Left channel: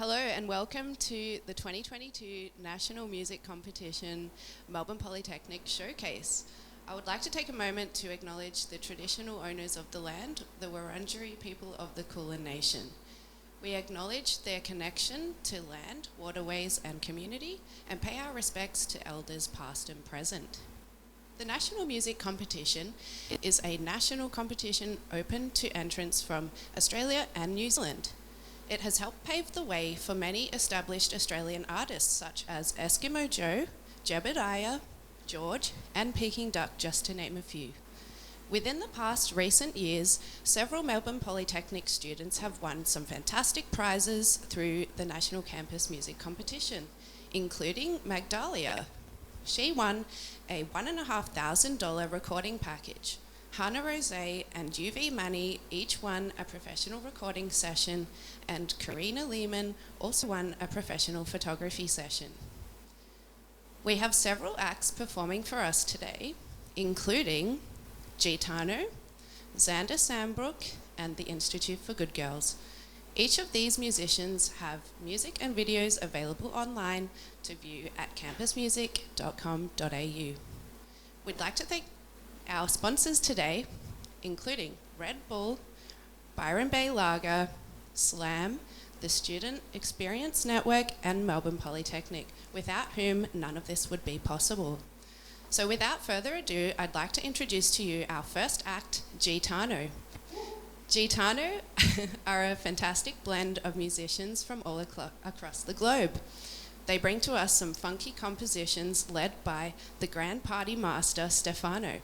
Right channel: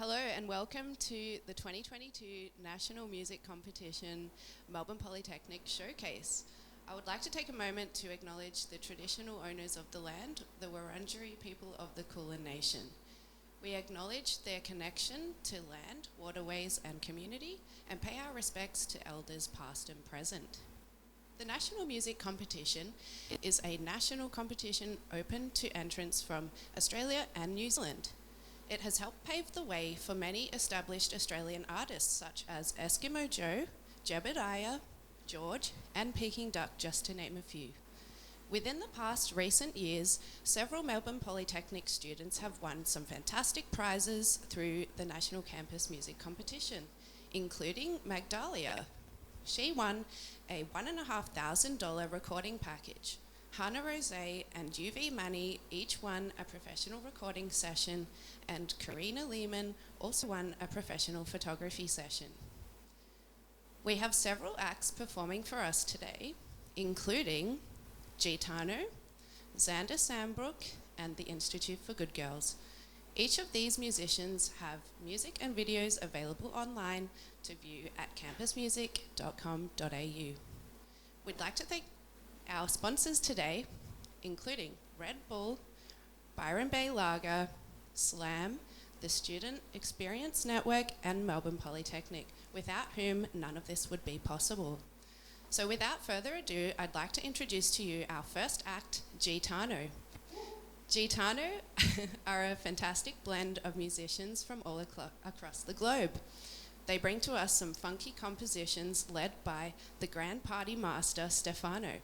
Hello and welcome to the 2022 National Music Competition Melbourne Polytechnic Showcase. I would like to take a moment to acknowledge the traditional owners of the land, the Wurundjeri people of the Kulin Nation. We acknowledge their connection to land, waterways and community, and pay our respects to elders past and present. The National Music Competition is a national competition open to entrants from Australia and New Zealand. It has helped pave the way for many established Australian artists such as Eskimo Joe, Jebediah, George, and Peking Duck, just to name a few. Within the past recent years, several Melbourne Polytechnic students have won some fantastic prizes through the National Campus Music Competition, including Magdalia. She won a $1,500 recording package. Hannah Rose and UV Manny each won a professional recording session, and Karina Lehman also won a professional photography session. We have several acts performing for us today, including Gitano, Xander Sandbrook, and the Institute for Good Girls. Each of these musicians have music and videos available online to view at campusmusic.com.au. We'd like to thank our sponsors today, including Red Bull, Byron Bay Lager, SLAM, the Student Experience Network, and Melbourne Polytechnic, without whom none of this would be possible. So without further ado, I'd like to introduce to you our first act, Gitano. Gitano are a fantastic blend of musicians from all across the globe. They bring to us some funky compositions led by the Grand Party Master, Stefano.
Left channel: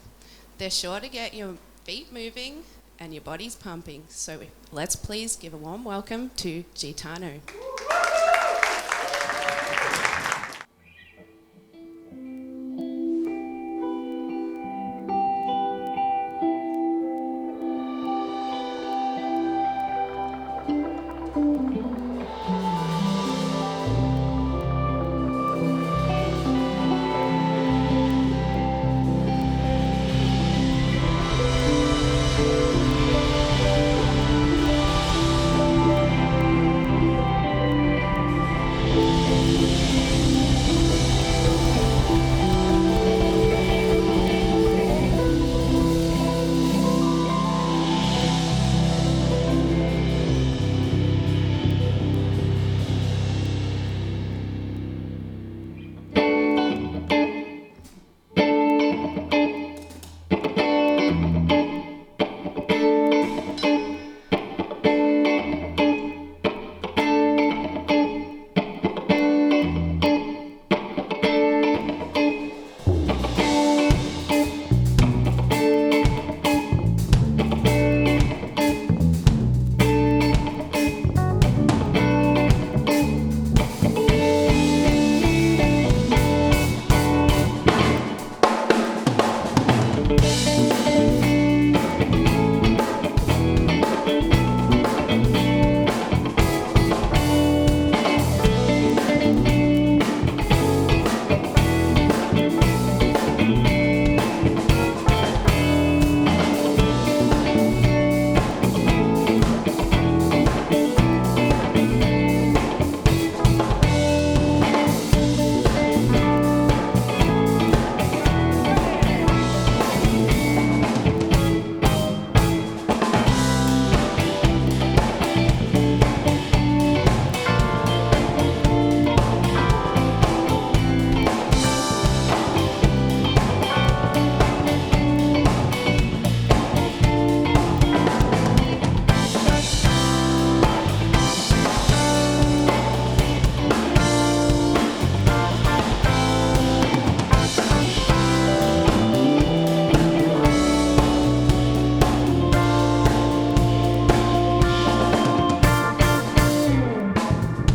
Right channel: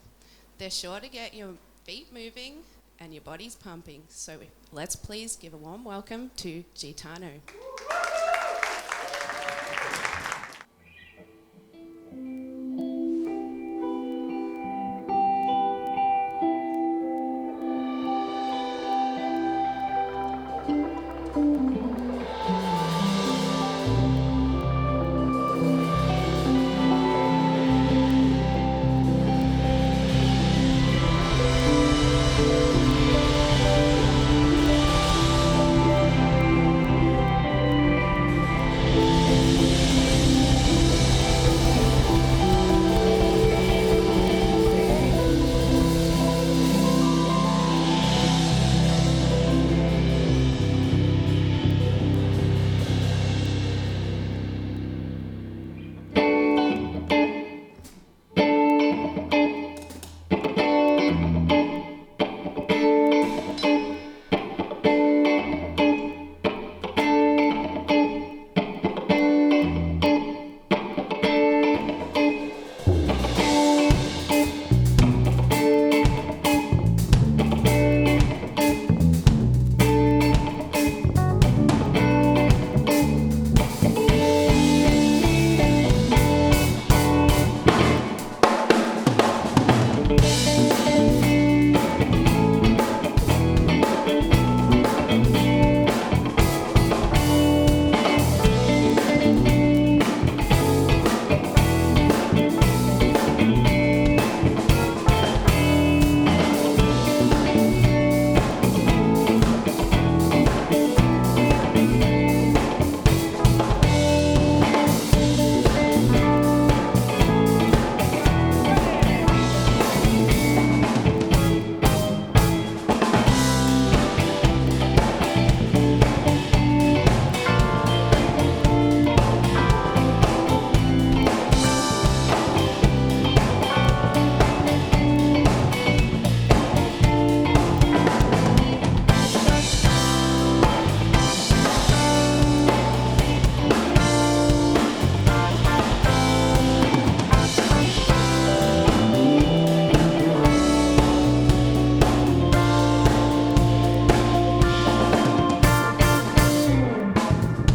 They're sure to get your feet moving and your bodies pumping. So let's please give a warm welcome to Gitano.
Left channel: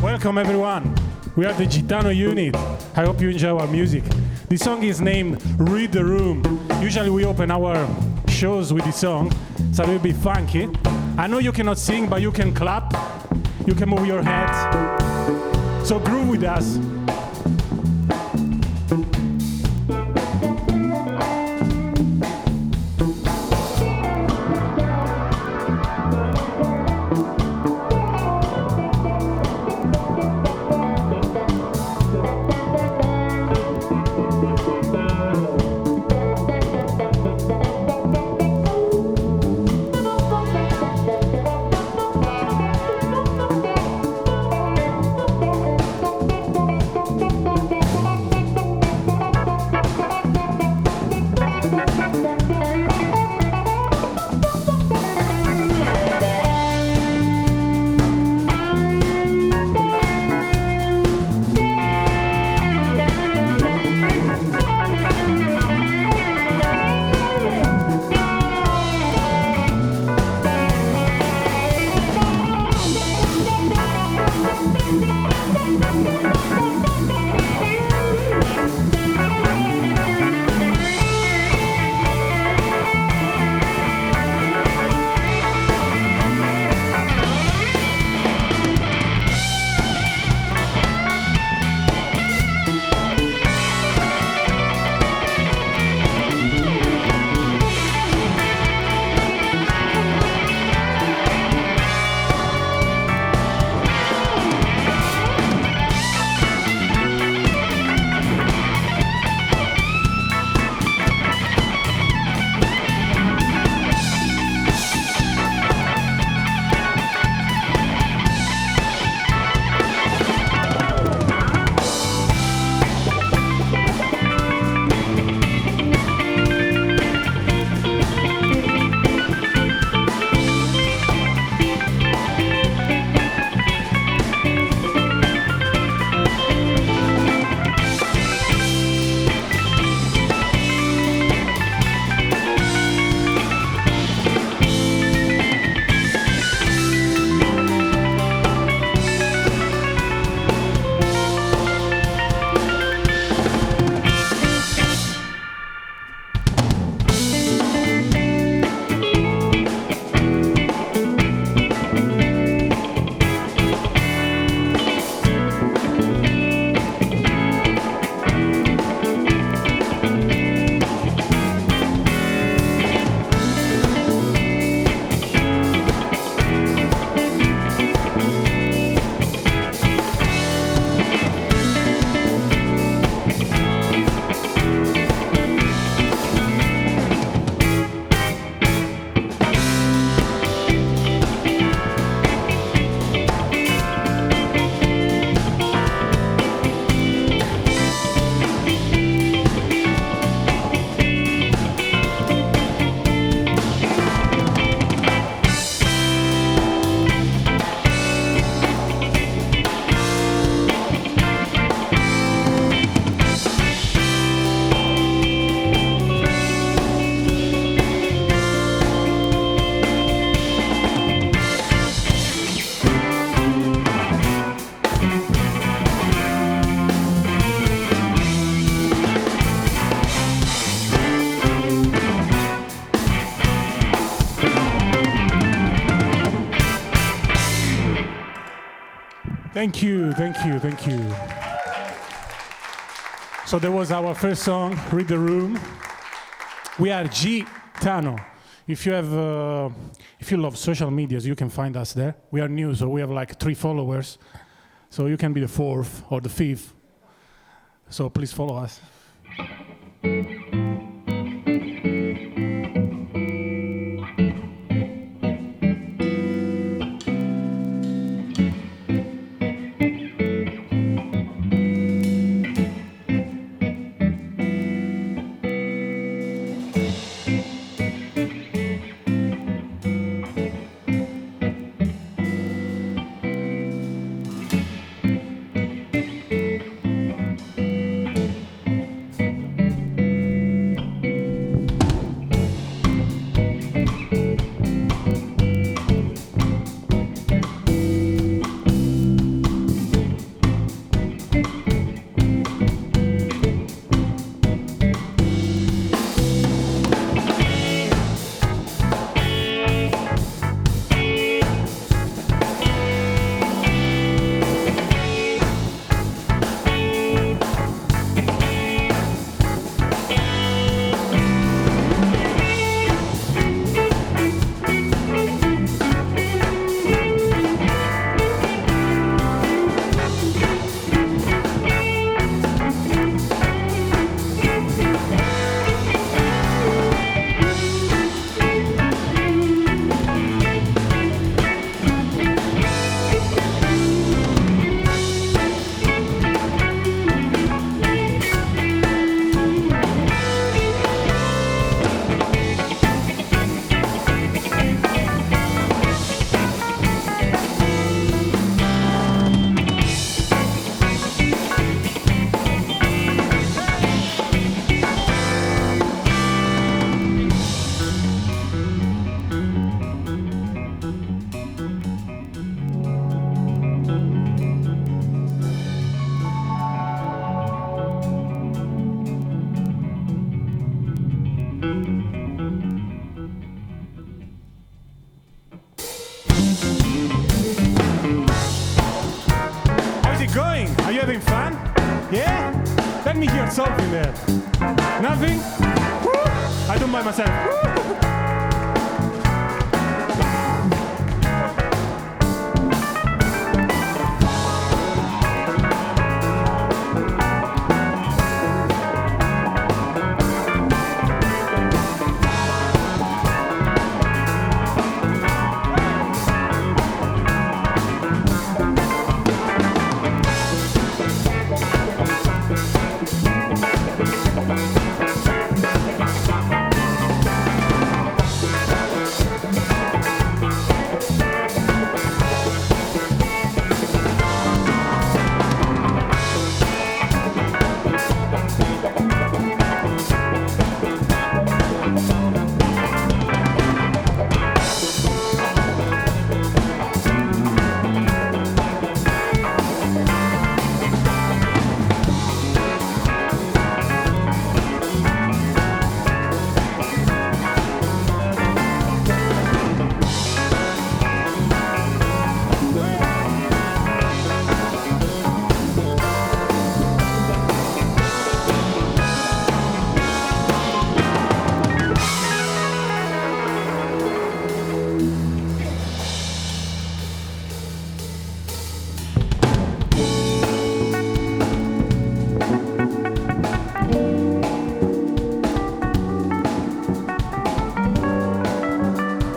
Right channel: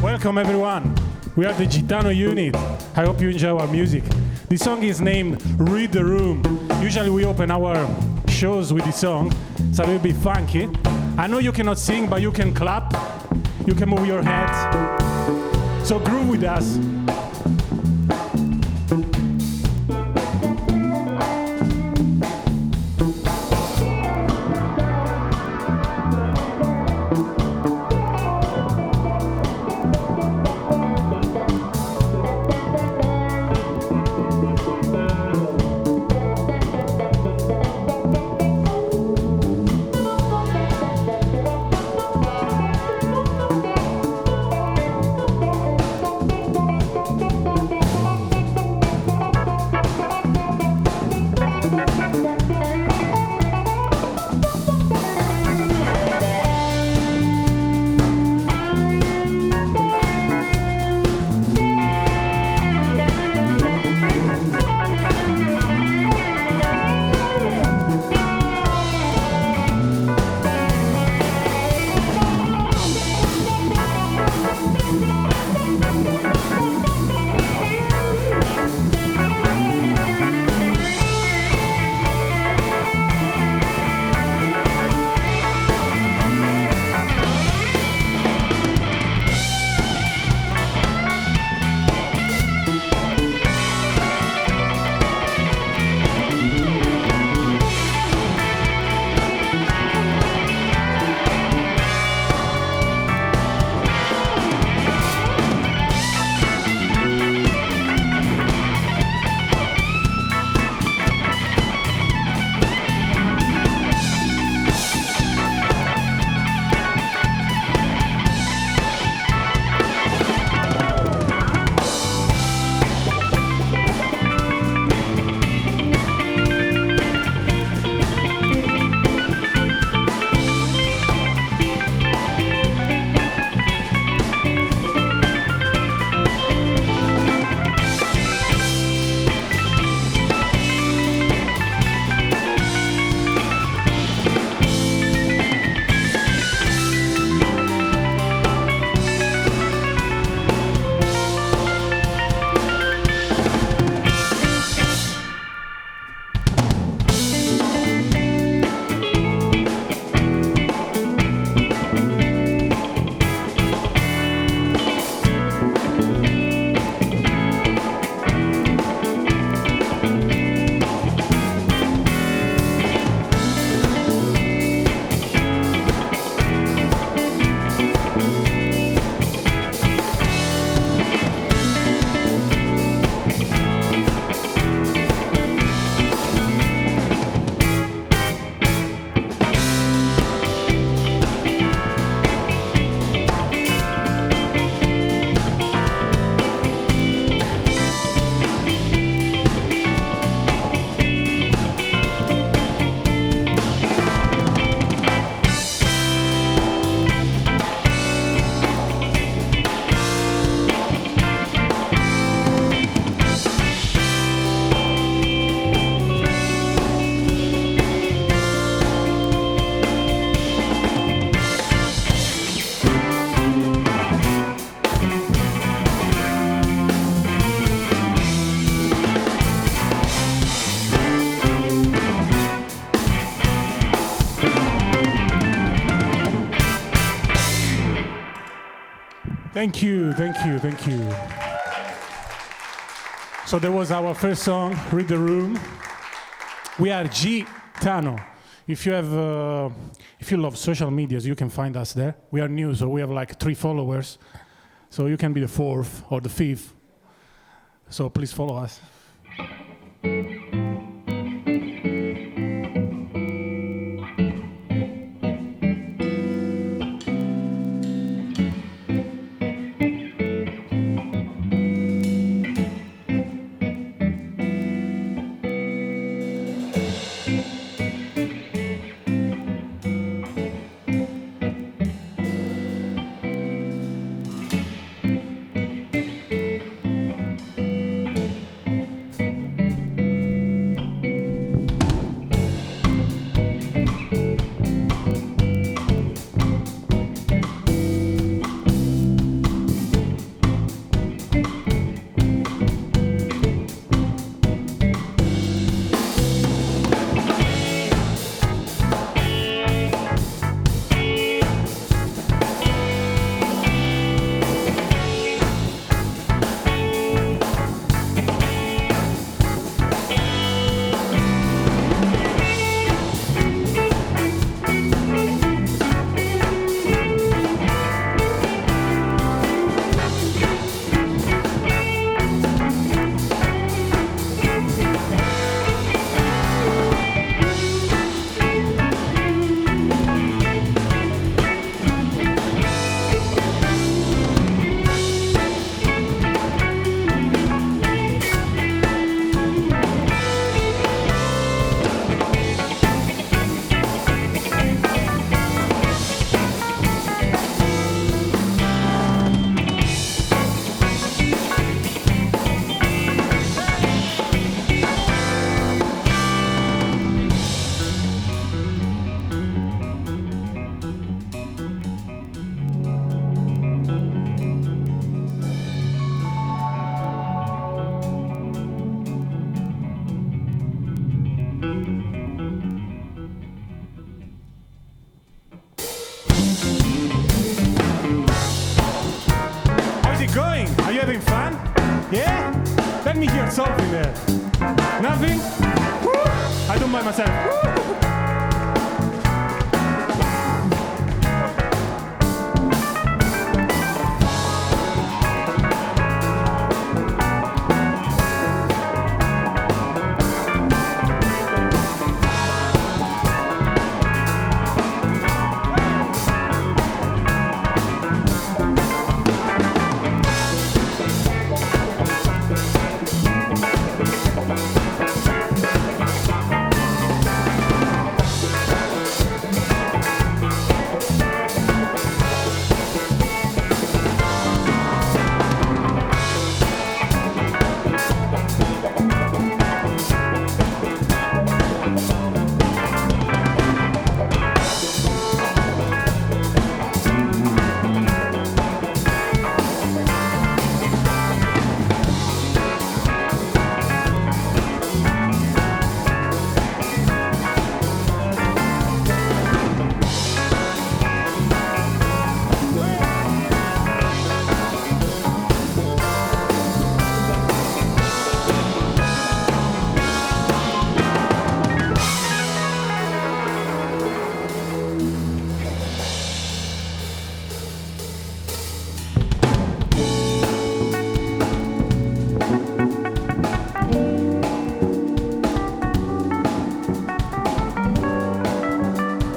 Welcome everyone. We are the Gitano unit. I hope you enjoy our music. This song is named Read the Room. Usually we open our shows with this song, so it will be funky. I know you cannot sing, but you can clap, you can move your head. So groove with us. Thank you, thank you, thank you. So that was our first song, Read the Room. We are Gitano. If you love social medias, you can find us there. We are new, so we have like 3 followers. So you can be the 4th or the 5th. So please follow us. Something there. Nothing? Woo! I don't mind myself. Woo!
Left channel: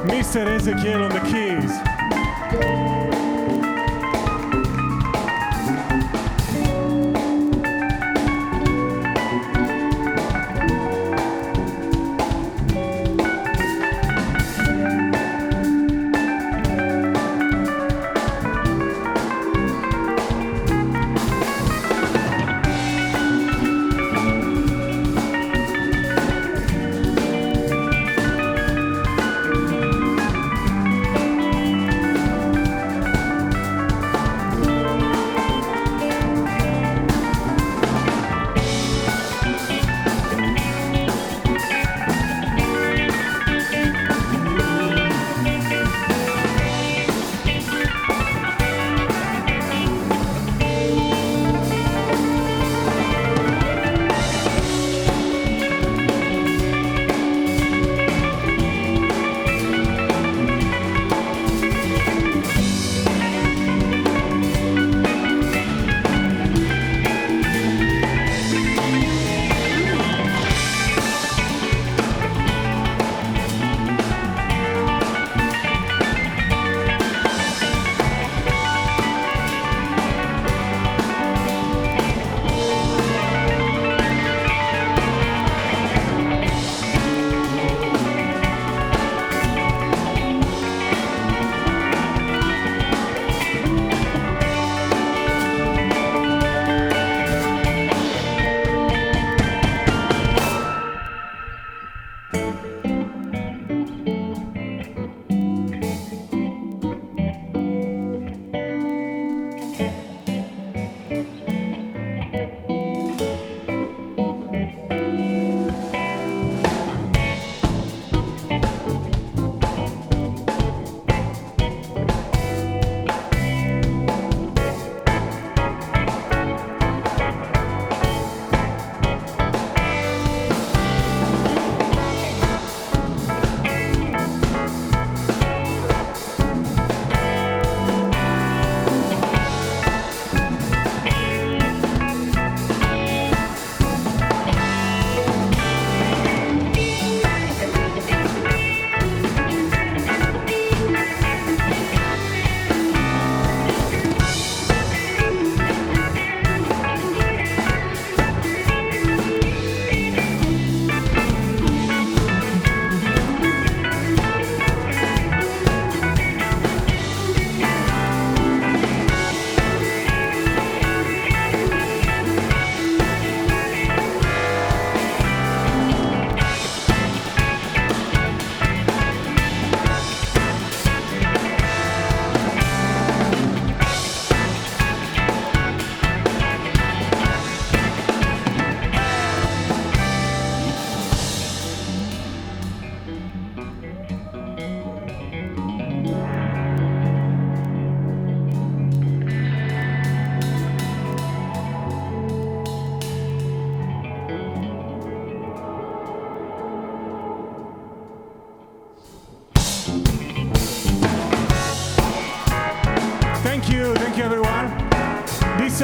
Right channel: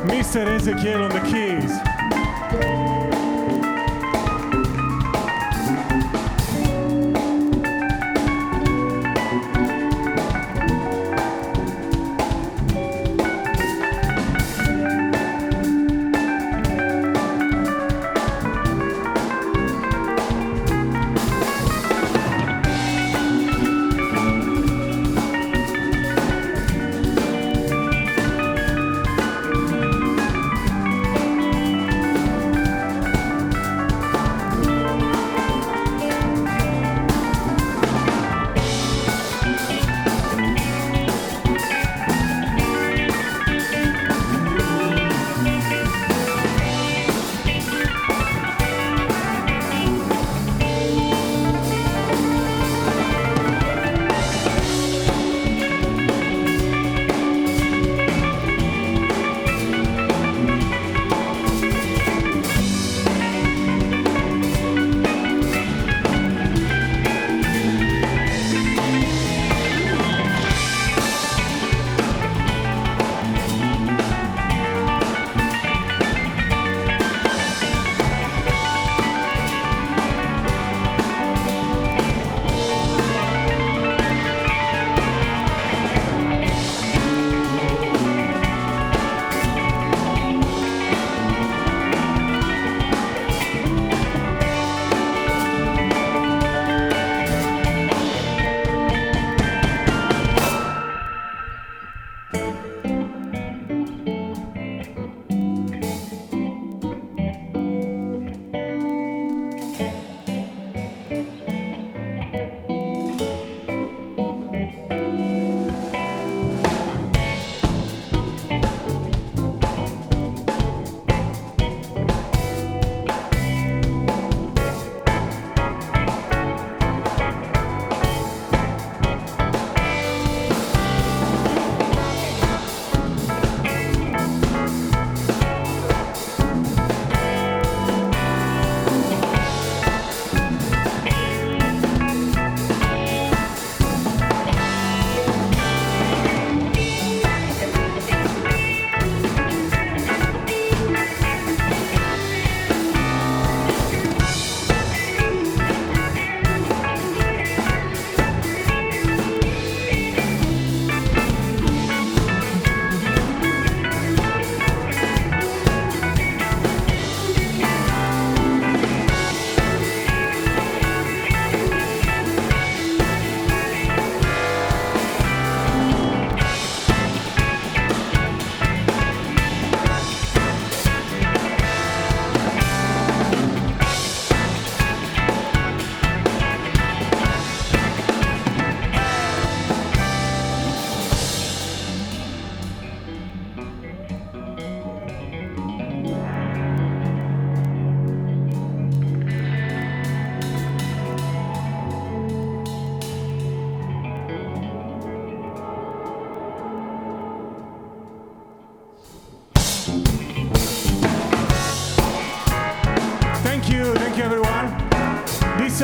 Mr. Ezekiel on the keys.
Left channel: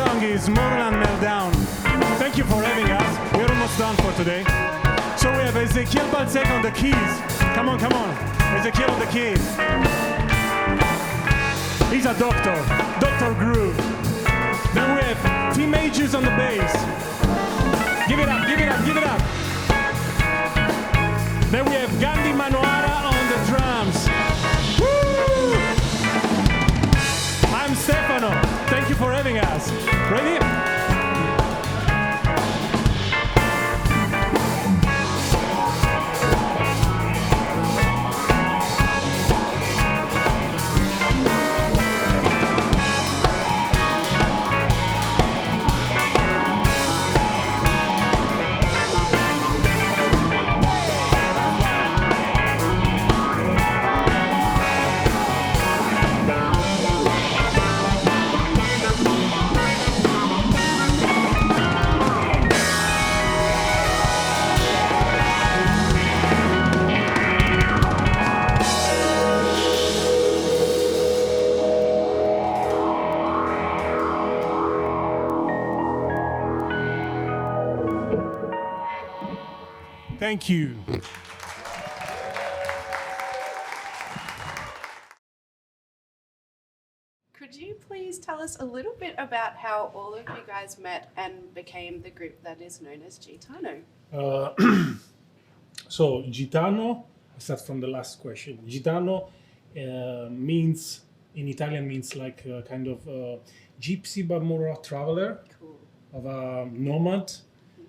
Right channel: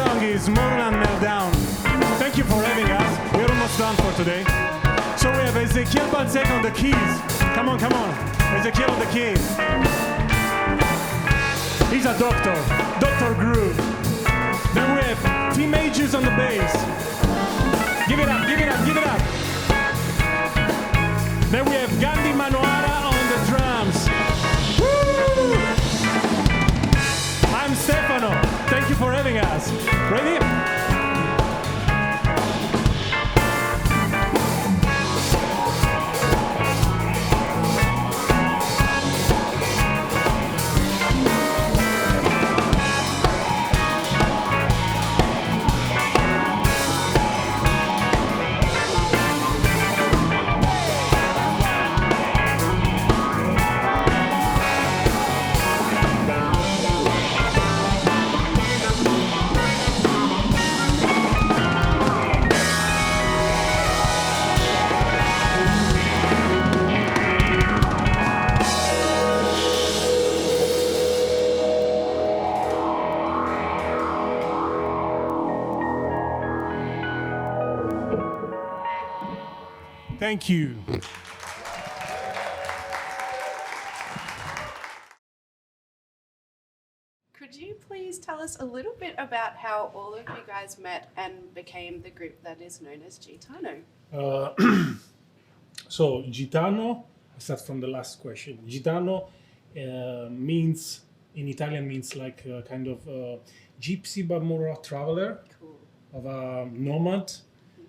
song is Moreland Meltdown. Thank you for having us. We're almost done for today. So we have Ezekiel Balzec on the keys. Come on, come on. Ezekiel on the keys. He's a doctor. Dr. Groove. Then we have Tim Ages on the bass. Give it up, give it up, give it up. Then we have Gandhi Manoara on the drums. Woo! I'm Stefano. Thank you for having us. Ready? Thank you. Could you please tell us a little bit about how all of you guys met and became the group that is known as Gitano? So Gitano, I start from the last question. Gitano means, in Italian, means like a kind of gypsy, but more a traveler, Cool. of a nomad,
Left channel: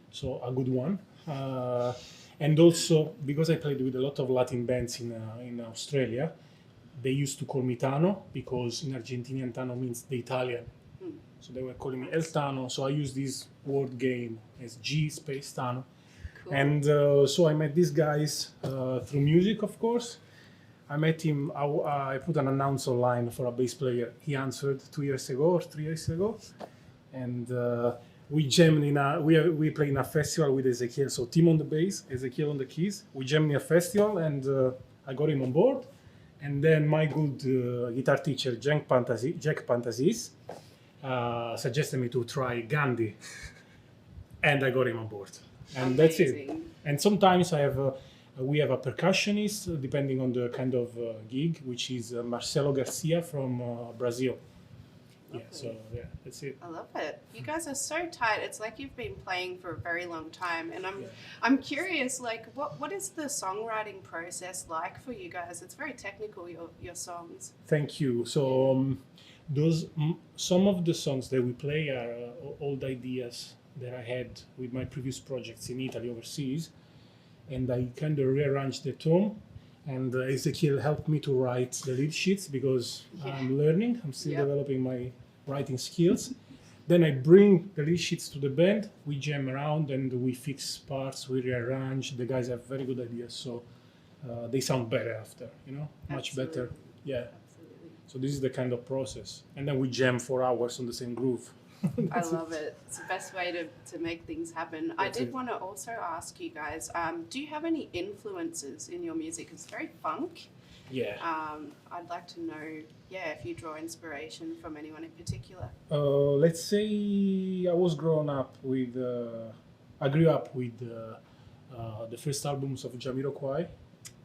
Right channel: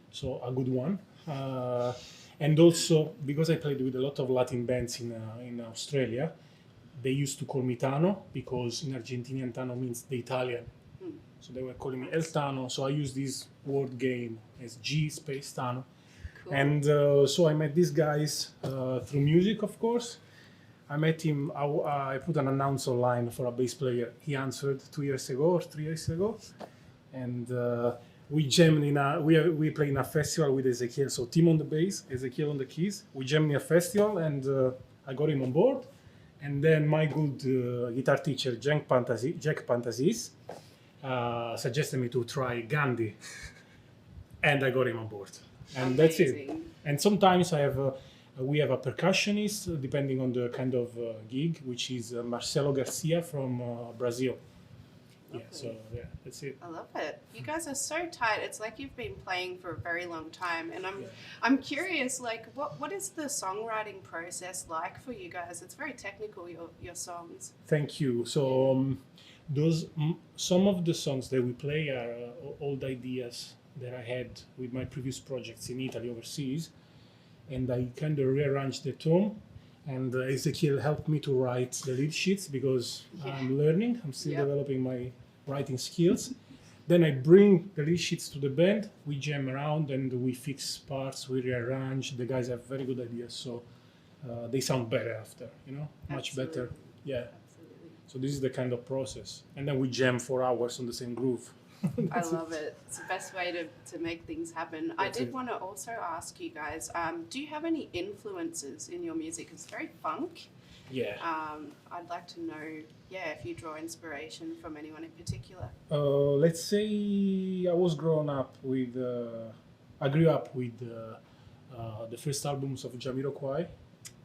so a good one. And also, because I played with a lot of Latin bands in Australia, they used to call me Tano, because in Argentinian Tano means the Italian. So they were calling me El Tano, so I use this word game as G space Tano. Cool. And so I met these guys through music, of course. I met him, I put an announce online for a bass player. He answered 2 years ago or 3 years ago. And we jammed we played in a festival with Ezekiel. So Tim on the bass, Ezekiel on the keys. We jammed in a festival and I got him on board. And then my good guitar teacher, Jack Pantasis, suggested me to try Gandhi. And I got him on board. And that's it. And sometimes we have a percussionist, depending on the kind of gig, which is Marcelo Garcia from Brazil. Lovely. Yeah, so yeah, that's it. I love it. You guys are so tight. It's like you've been playing for a very long time, and I'm curious. Like, what is the songwriting process like for you guys? It's very technical. Your songs. Thank you. So some of the songs that we play are old ideas that I had with my previous projects in Italy, overseas, and I kind of rearranged the tone. And Ezekiel helped me to write the lead sheets because I'm learning. I'm still developing my writing skills. Then I bring the lead sheets to the band. We jam around and we fix parts. We rearrange. The guys have very good ideas, so they sound better after. Much better. Yeah. Absolutely. So this is the kind of process. And then we jam 4 hours on the same groove. I love it. It's the best way to make things happen. I did want to also ask you guys, do you have any influences in your music? It's very funk. Yeah. I'd like to know, if you draw inspiration from anyone in particular. Let's say I grew up with the first albums of Jamiroquai,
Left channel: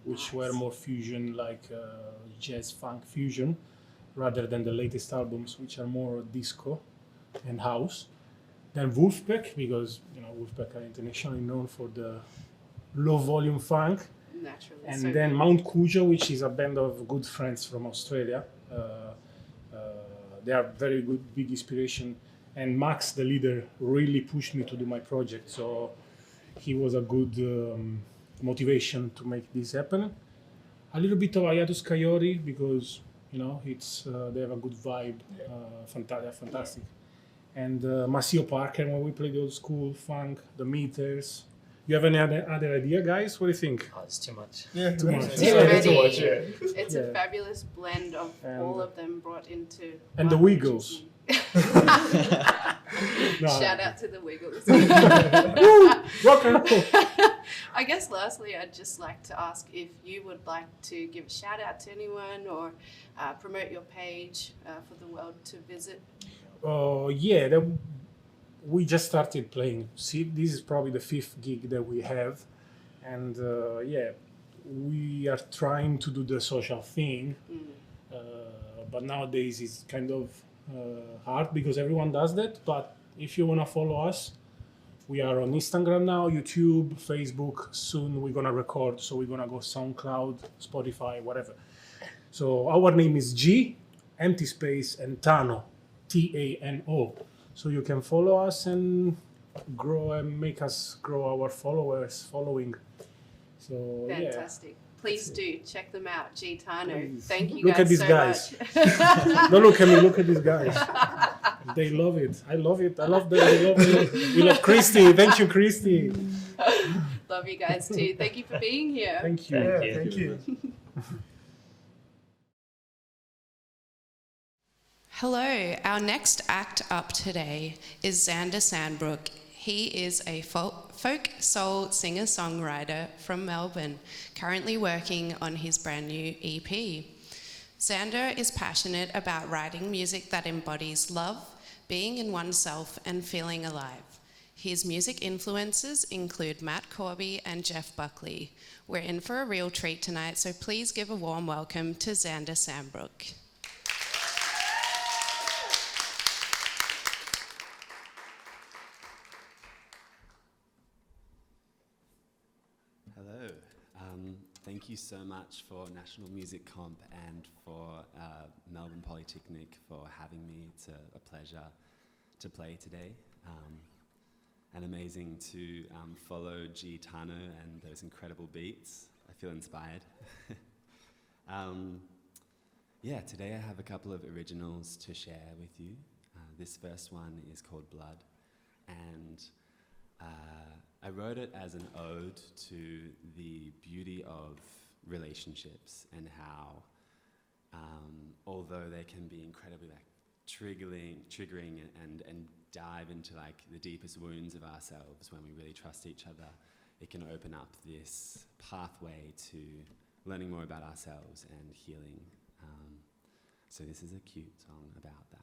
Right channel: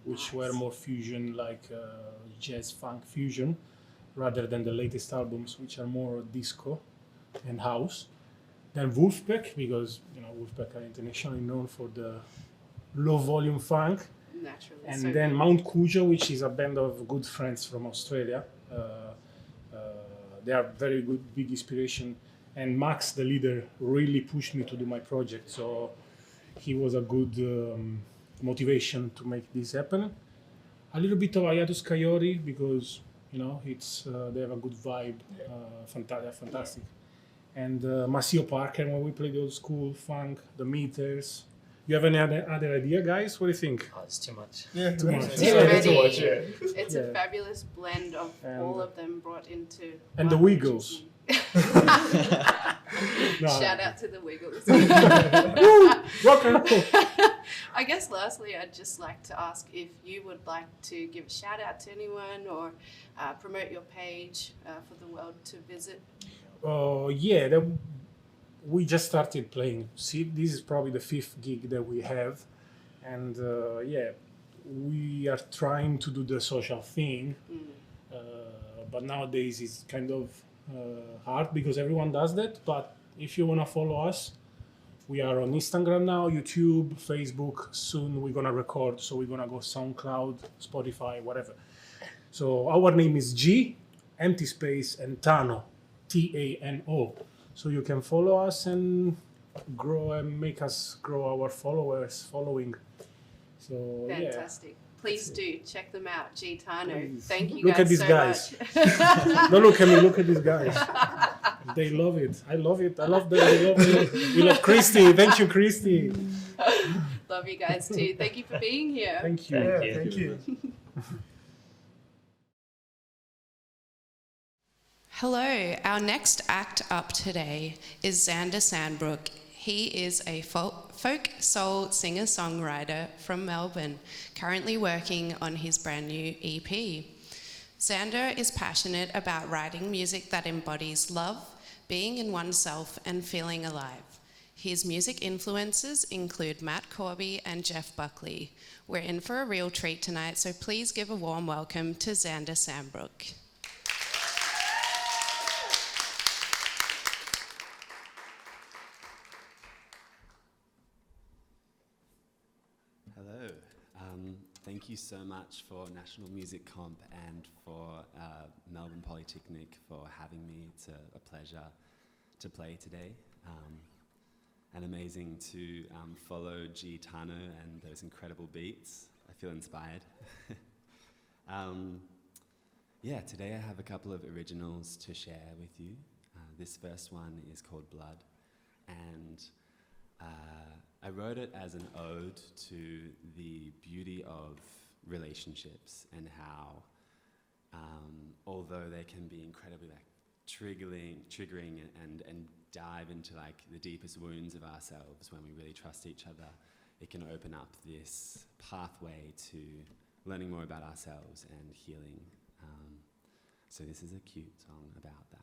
which were more fusion, like jazz funk fusion, rather than the latest albums, which are more disco and house. Then Wolfpack, because Wolfpack are internationally known for the low volume funk. Naturally. And so then good. Mount Cujo, which is a band of good friends from Australia. They are very good, big inspiration. And Max, the leader, really pushed me to do my project. So he was a good motivation to make this happen. A little bit of Ayatus Coyote, because it's they have a good vibe. Fantastic. And Maceo Parker, when we play the old school funk, the meters. You have any other idea, guys? What do you think? Oh, it's too much. Yeah, too much. Too much, yeah. It's a fabulous blend of all of them brought into. And the Wiggles. Shout out to the Wiggles. Rock and roll. I guess lastly, I'd just like to ask if you would like to give a shout out to anyone or promote your page for the world to visit. Yeah, we just started playing. See, this is probably the 5th gig that we have, and yeah, we are trying to do the social thing, but nowadays it's kind of hard because everyone does that. But if you wanna follow us, we are on Instagram now, YouTube, Facebook. Soon we're gonna record, so we're gonna go SoundCloud, Spotify, whatever. So our name is G, empty space, and Tano, Tano. So you can follow us and grow and make us grow our following. So Fantastic. Please do check them out, Gitano. Please. Thank you Look guys at these so guys. much. Don't look at me, look at these guys. They love it. I love it. I love them. They love it. We love Kristy. Thank you, Kristy. Love you guys too. Thank you for being here. Thank you. Thank you. Hello, our next act up today is Xander Sandbrook. He is a folk soul singer-songwriter from Melbourne, currently working on his brand new EP. Xander is passionate about writing music that embodies love, being in oneself, and feeling alive. His music influences include Matt Corby and Jeff Buckley. We're in for a real treat tonight, so please give a warm welcome to Xander Sandbrook. Hello. Thank you so much for National Music Comp and for Melbourne Polytechnic for having me. It's a pleasure to play today. And amazing to follow Gitano and those incredible beats. I feel inspired. Yeah, today I have a couple of originals to share with you. This first one is called Blood, and I wrote it as an ode to the beauty of relationships and how, although they can be incredibly triggering and dive into like the deepest wounds of ourselves when we really trust each other, it can open up this pathway to learning more about ourselves and healing. So this is a cute song about that.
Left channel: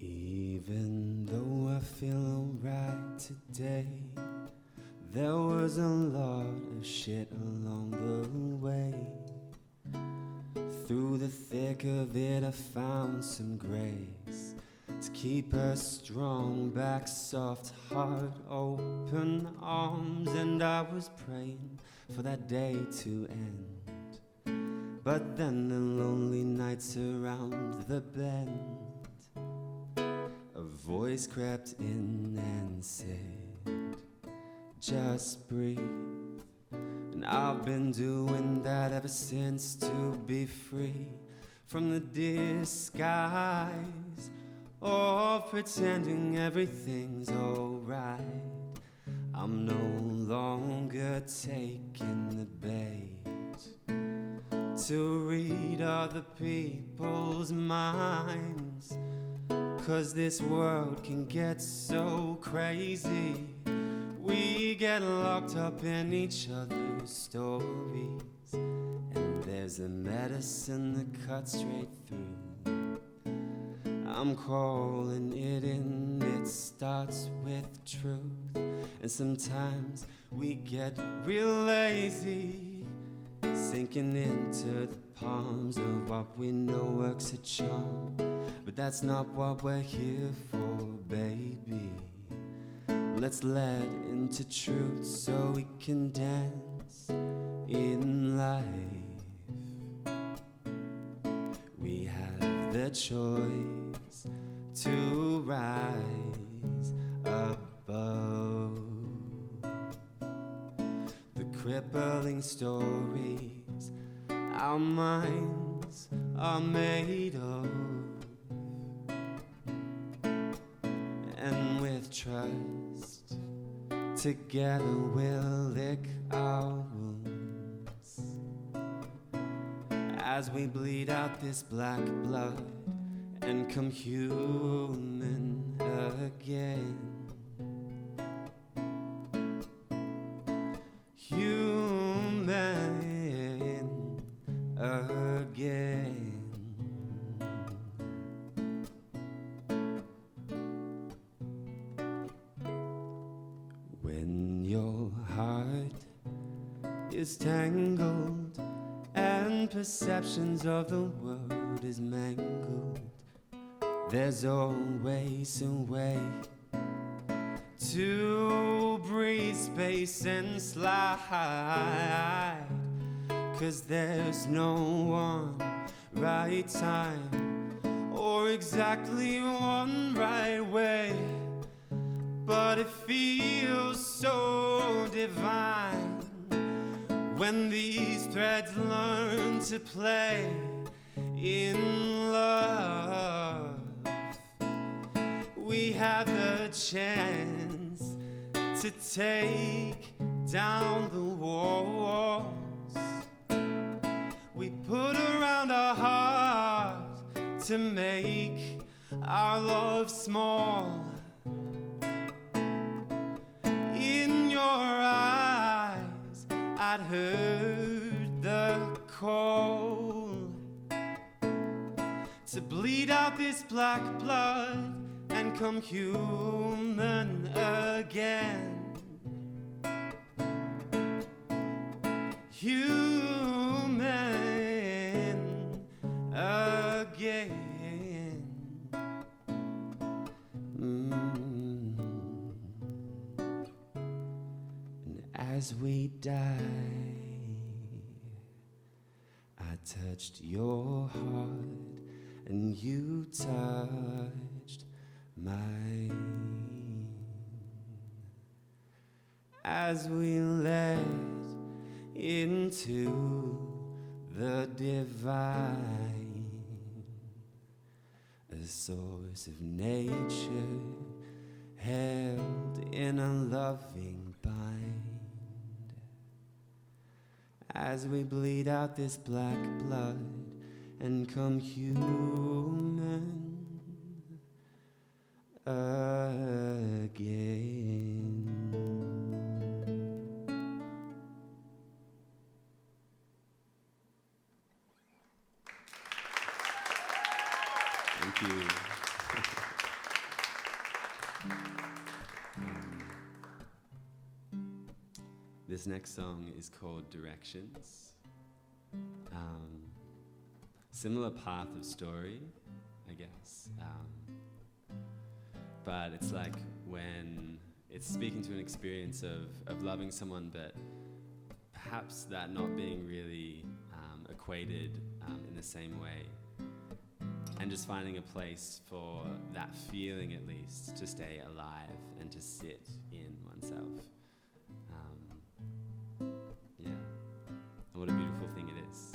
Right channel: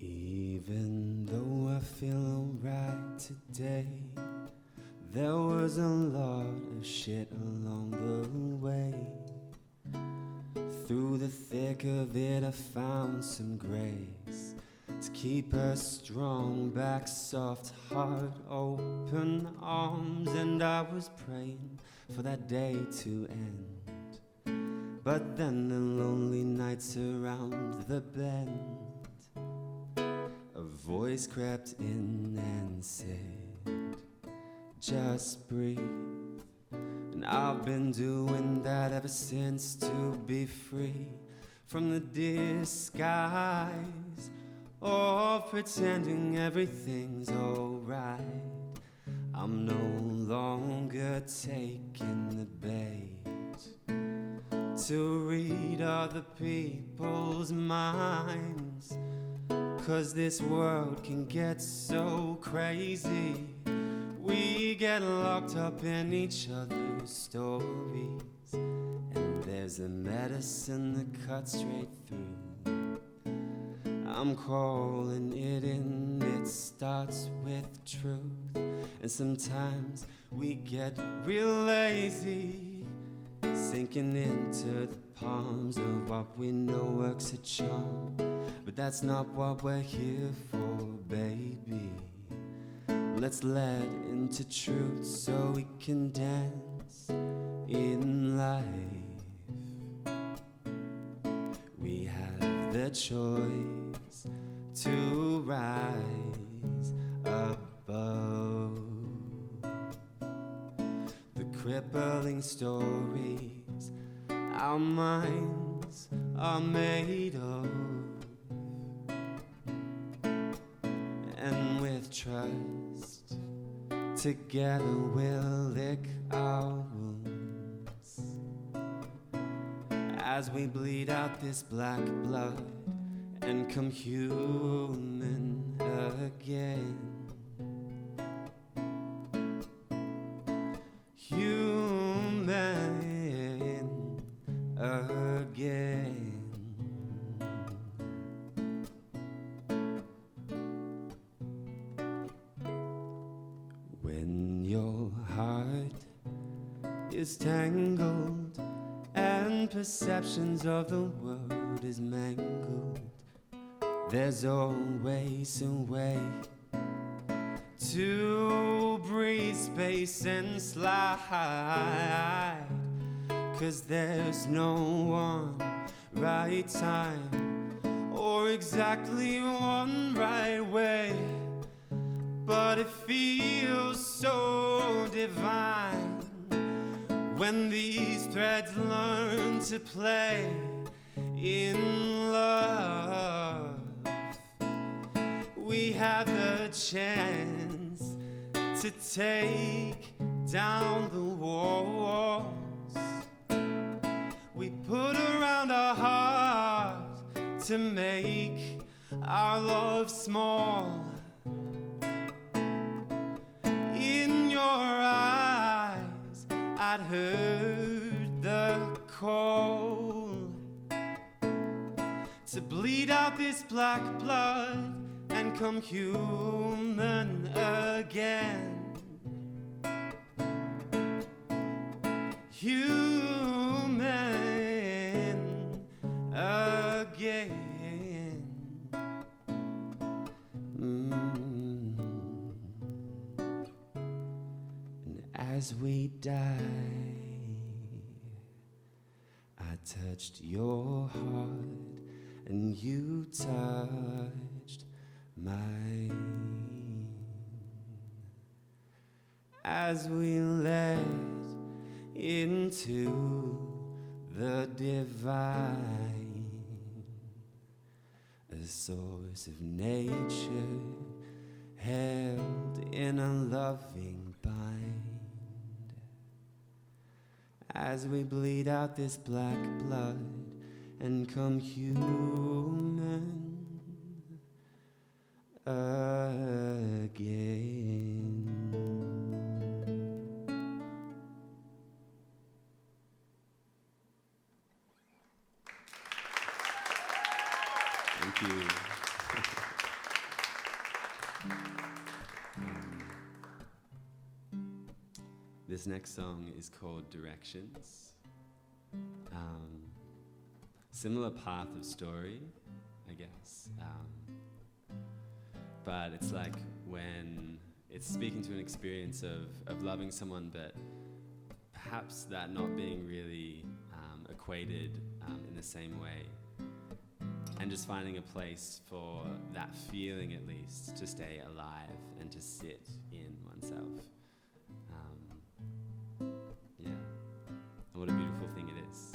Even though I feel alright today, there was a lot of shit along the way. Through the thick of it I found some grace to keep her strong, back soft, heart open arms. And I was praying for that day to end, but then the lonely nights around the bend, a voice crept in and said, just breathe. And I've been doing that ever since, to be free from the disguise of pretending everything's alright. I'm no longer taking the bait to read other people's minds, 'cause this world can get so crazy. We get locked up in each other's stories, and there's a medicine that cuts straight through. I'm calling it in, it starts with truth. And sometimes we get real lazy, sinking into the palms of what we know works a charm. But that's not what we're here for, baby. Let's let into truth so we can dance in life. We have the choice to rise rippling stories our minds are made of. And with trust, together we'll lick our wounds as we bleed out this black blood and come human again. Human again. When your heart is tangled and perceptions of the world is mangled, there's always a way to breathe space and slide. 'Cause there's no one right time or exactly one right way, but it feels so divine when these threads learn to play in love. We have the chance to take down the walls we put around our hearts to make our love small. In your eyes I'd heard the call to bleed out this black blood and come human again. Human again. And as we die, I touched your heart and you touched mine. As we let into the divine, a source of nature held in a loving bind. As we bleed out this black blood and come human again. Thank you. This next song is called Directions. Similar path of story, I guess. But it's like when it's speaking to an experience of loving someone, but perhaps that not being really equated in the same way. And just finding a place for that feeling, at least, to stay alive and to sit in oneself. Yeah. And what a beautiful thing it is.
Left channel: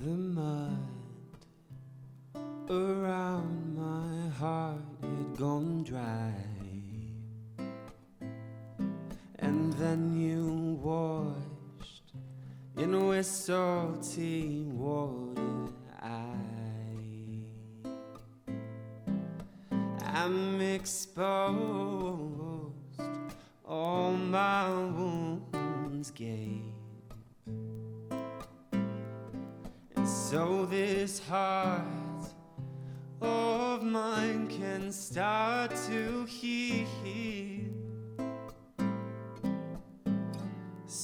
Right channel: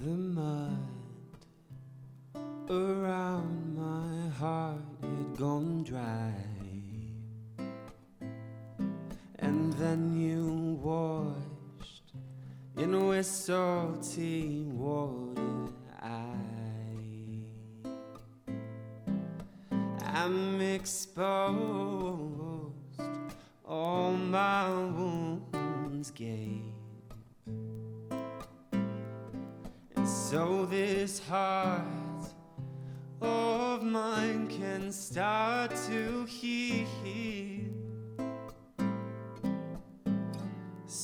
The mud around my heart had gone dry, and then you washed in with salty water. I'm exposed, all my wounds gape. So this heart of mine can start to heal.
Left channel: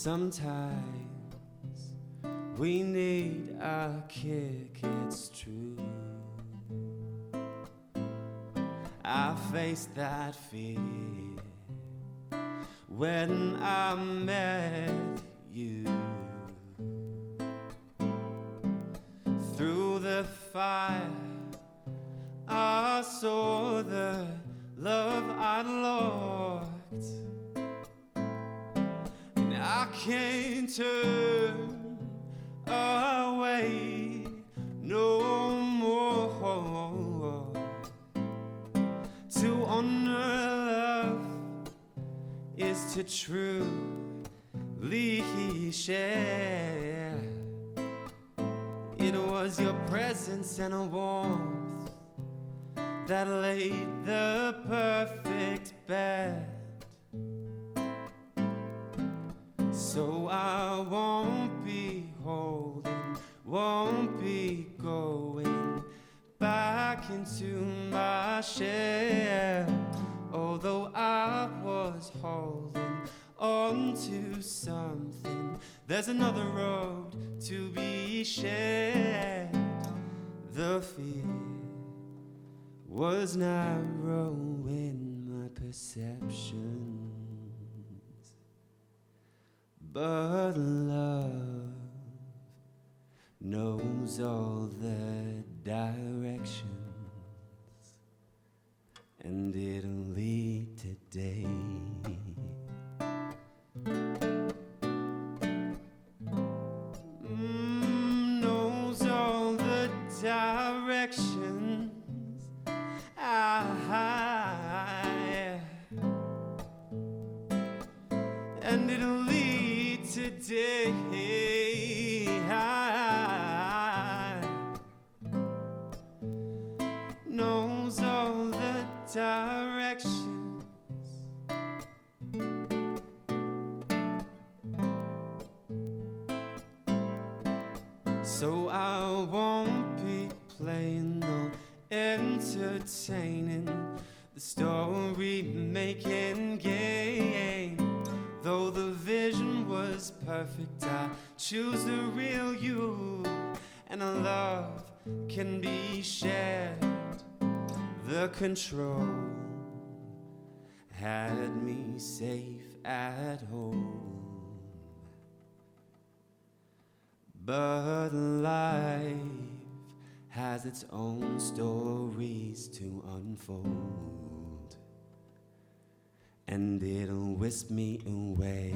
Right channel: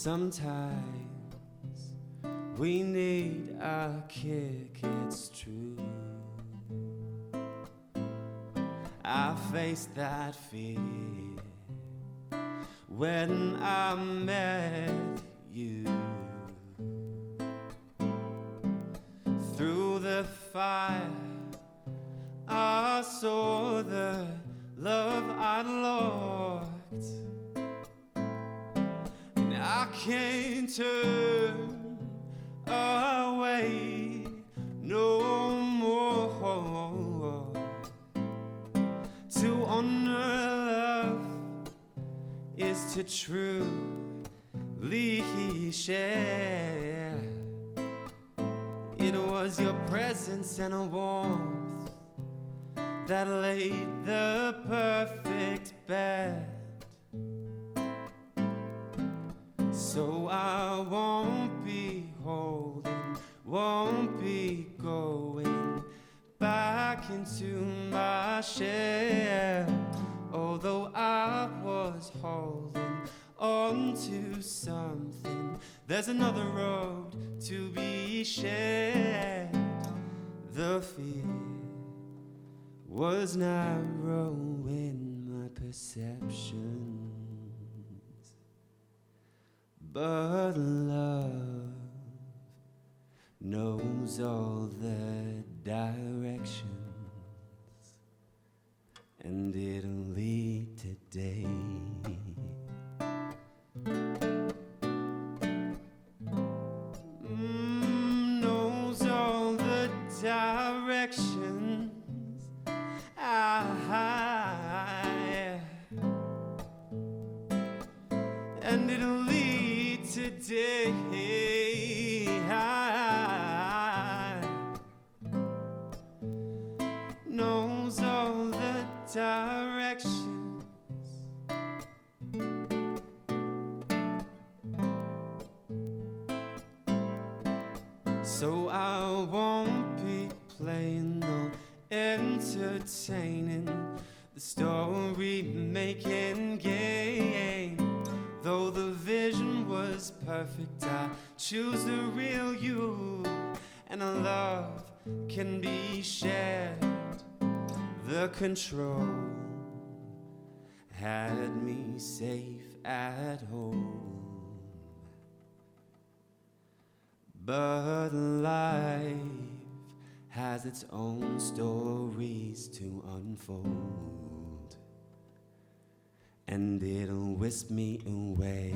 Sometimes we need a kick, it's true. I faced that fear when I met you. Through the fire I saw the love I'd lost, and I can't turn away no more. To honor love is to truly share. It was your presence and a warmth that laid the perfect bed. So I won't be holding, won't be going back into my shell. Although I was holding on to something, there's another road to be shared. The fear was narrow in my perceptions, but love knows all the directions, and it'll lead today. Knows all the directions. And it'll lead today. Knows all the directions. So I won't be playing no entertaining the story-making game. Though the vision was perfect, I choose the real you, and a love can be shared. The control had me safe at home, but life has its own stories to unfold, and it'll whisk me away.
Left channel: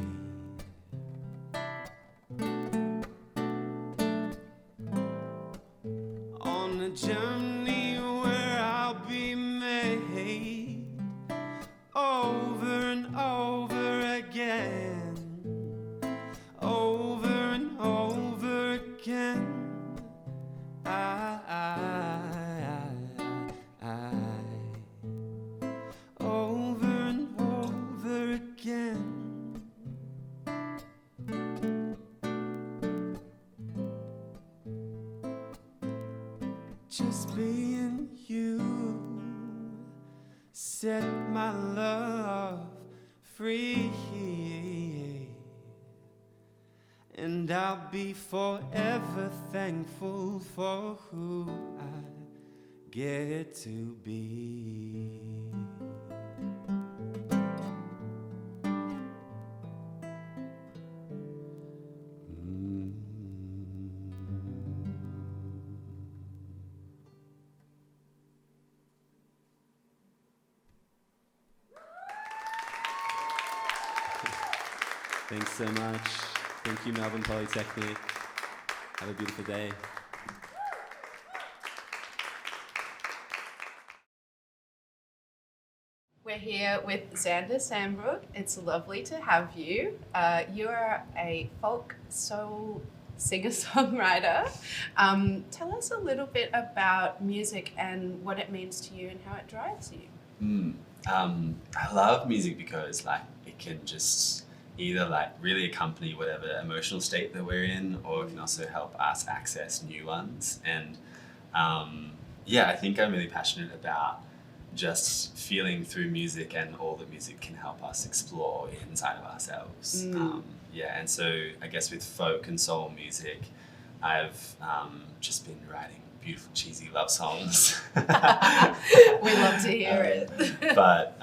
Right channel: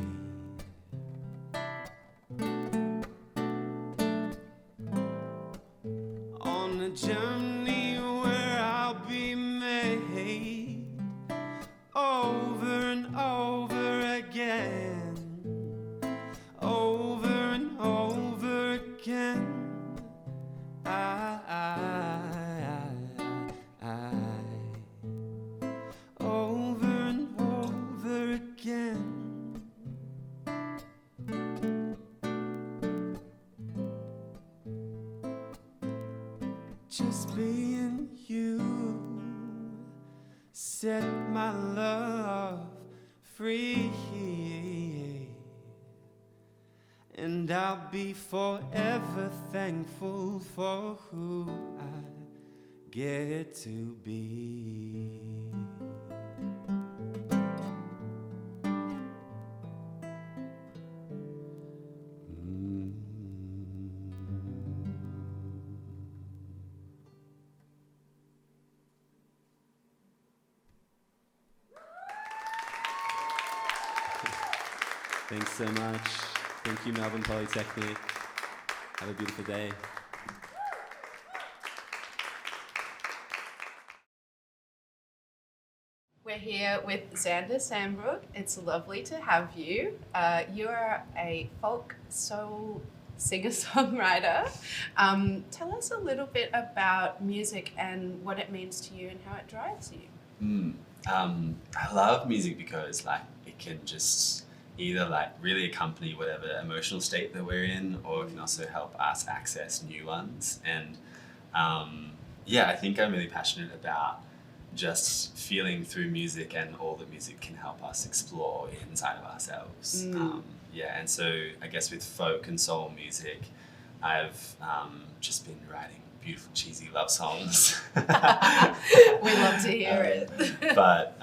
On a journey where I'll be made over and over again, over and over again. Over and over again. Just being you set my love free, and I'll be forever thankful for who I get to be. Thanks so much. Thank you, Melbourne Polytechnic. Have a beautiful day. We're here with Xander Sambrook. It's lovely to have you. You are a folk soul singer-songwriter. Tell us a little bit about music and what it means to you and how it drives you. I love music because it can just either really accompany whatever emotional state that we're in, or it can also help us access new ones. And I think I'm really passionate about just feeling through music and all that music can help us explore inside of ourselves. and so I guess with folk and soul music, I've just been writing beautiful, cheesy love songs. We love to hear it. But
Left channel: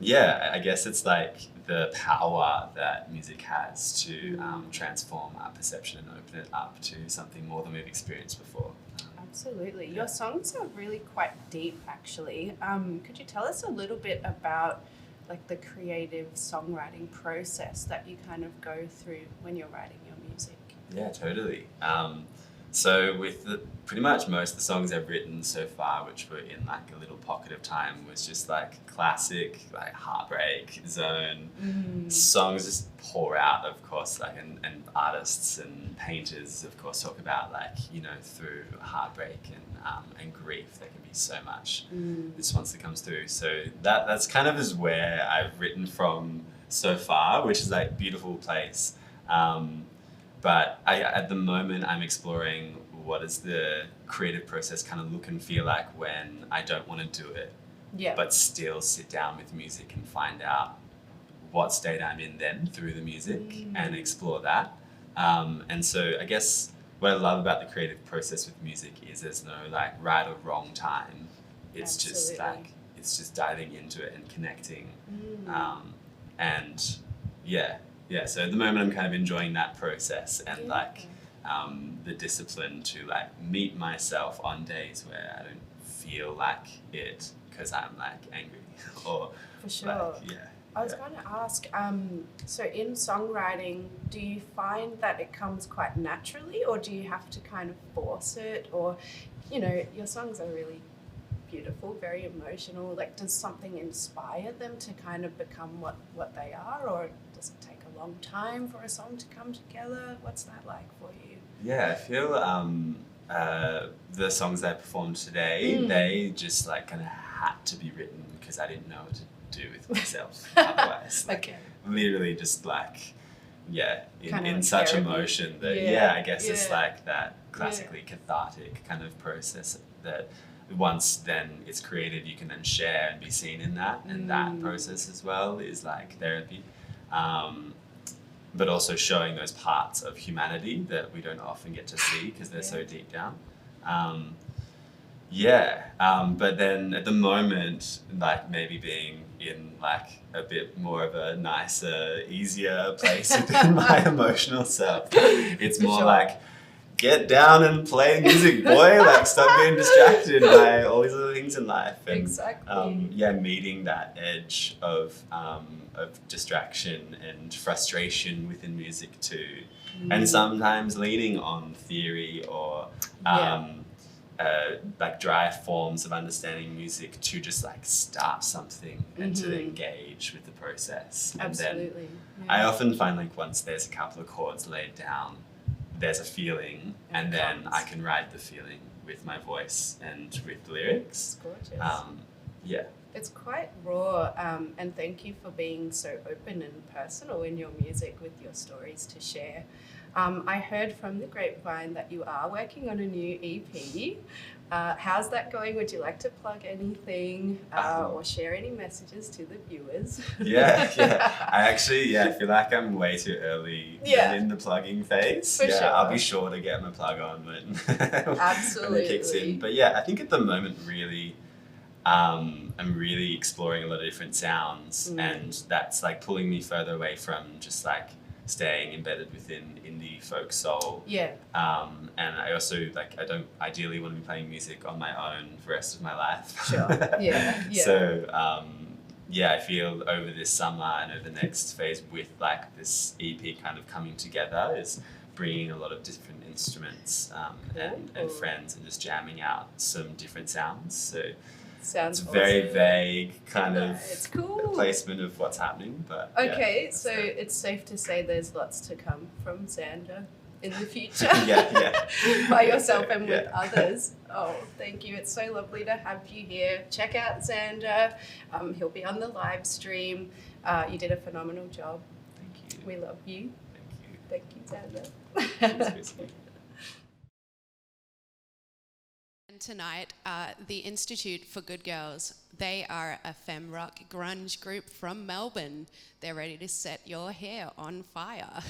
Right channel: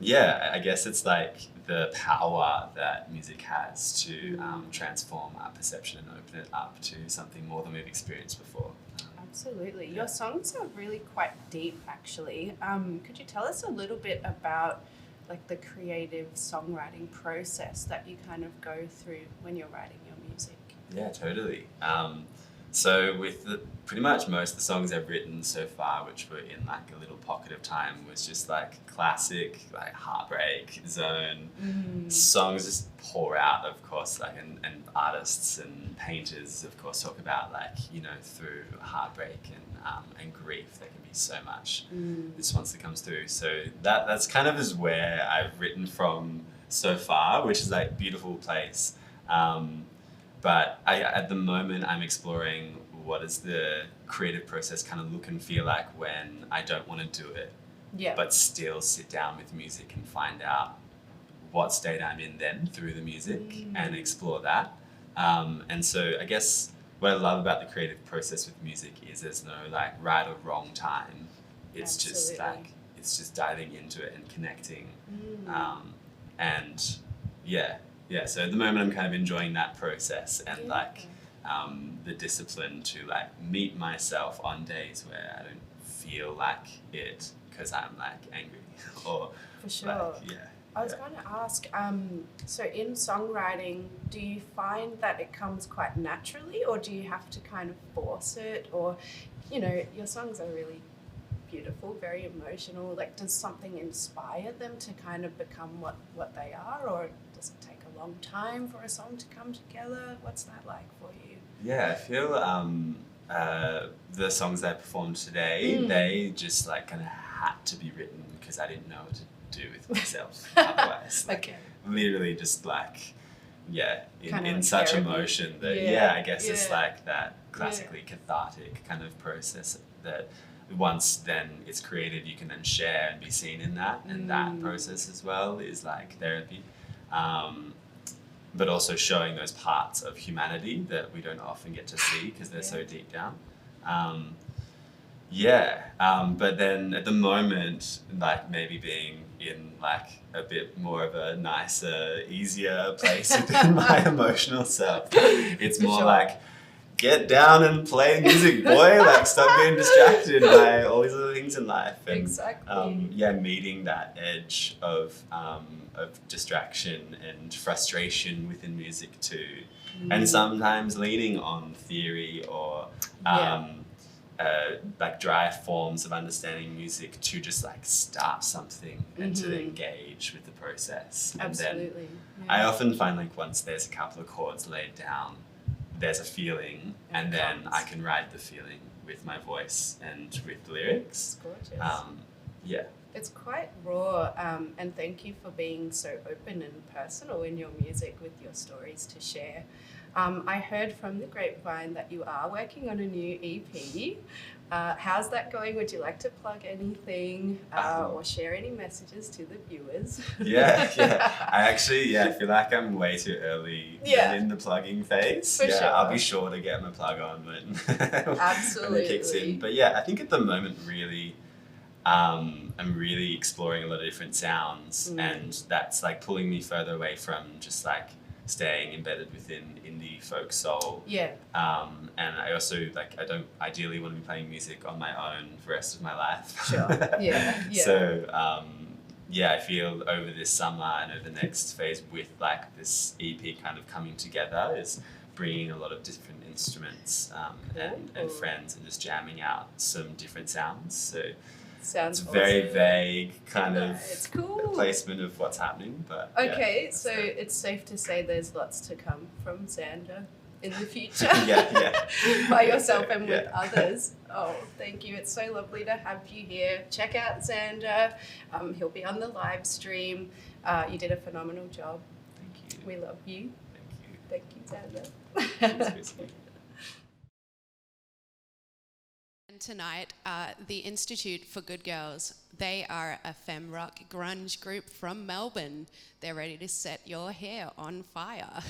yeah, I guess it's like the power that music has to transform our perception and open it up to something more than we've experienced before. Absolutely. Your songs are really quite deep, actually. Could you tell us a little bit about like the creative songwriting process that you kind of go through when you're writing your music? Yeah, totally. So with pretty much most of the songs I've written so far, which were in like a little pocket of time, was just like classic, like heartbreak zone songs just pour out, of course, like and artists and painters, of course, talk about like, you know, through heartbreak and grief, there can be so much response that comes through. So that's kind of is where I've written from so far, which is like beautiful place. But at the moment, I'm exploring what does the creative process kind of look and feel like when I don't want to do it, but still sit down with music and find out what state I'm in then through the music and explore that. And so I guess what I love about the creative process with music is there's no like right or wrong time. It's just like, it's just diving into it and connecting. And yeah, so at the moment I'm kind of enjoying that process and like the discipline to like meet myself on days where I don't feel like it because I'm like angry or for sure. Like, I was going to ask, so in songwriting, do you find that it comes quite naturally or do you have to kind of force it? Or, you know, your songs are really beautiful, very emotional. Like, does something inspire them to kind of become what they are, or does it take a long time for a song to come together? What's that like for you? Yeah, I feel the songs that I performed today, they just like kind of had to be written because I didn't know what to do with myself otherwise. Like, literally just like, in like such therapy. emotion that, I guess it's like that classically cathartic kind of process that once then it's created, you can then share and be seen in that, and that process as well is like therapy. But also showing those parts of humanity that we don't often get to see because they're so deep down. But then at the moment, like maybe being in like a bit more of a nicer, easier place within my emotional self, it's more like, get down and play music, boy. Like, stop being distracted by all these other things in life. And, exactly. Meeting that edge of distraction and frustration within music too, and sometimes leaning on theory or like dry forms of understanding music to just like start something and to engage with the process. Absolutely. And then I often find like once there's a couple of chords laid down, there's a feeling, and then I can ride the feeling with my voice and with the lyrics. It's gorgeous. It's quite raw, and thank you for being so open and personal in your music with your stories to share. I heard from the grapevine that you are working on a new EP. How's that going? Would you like to plug anything or share any messages to the viewers? I actually, I feel like I'm way too early in the plugging phase. For sure. I'll be sure to get my plug on when, Absolutely. when it kicks in. But I think at the moment really, I'm really exploring a lot of different sounds, and that's like pulling me further away from just like staying embedded within indie folk soul. And I also I don't ideally want to be playing music on my own for the rest of my life. So I feel over this summer and over the next phase with like this EP kind of coming together is bringing a lot of different instruments and friends and just jamming out some different sounds. So Sounds it's very awesome. Vague kind of it's cool. placement of what's happening, but so it's safe to say there's lots to come from Xander in the future. By yourself and with others. Oh, thank you. It's so lovely to have you here. Check out Xander. He'll be on the live stream. You did a phenomenal job. Thank you. We love you. Thank you, Xander. you. And And tonight, the Institute for Good Girls, they are a femme rock grunge group from Melbourne. They're ready to set your hair on fire.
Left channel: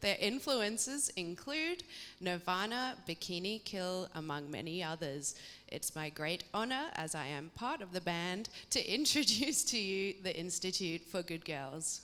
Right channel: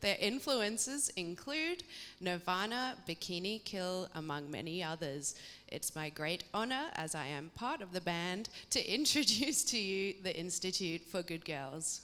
Their influences include Nirvana, Bikini Kill, among many others. It's my great honour, as I am part of the band, to introduce to you the Institute for Good Girls.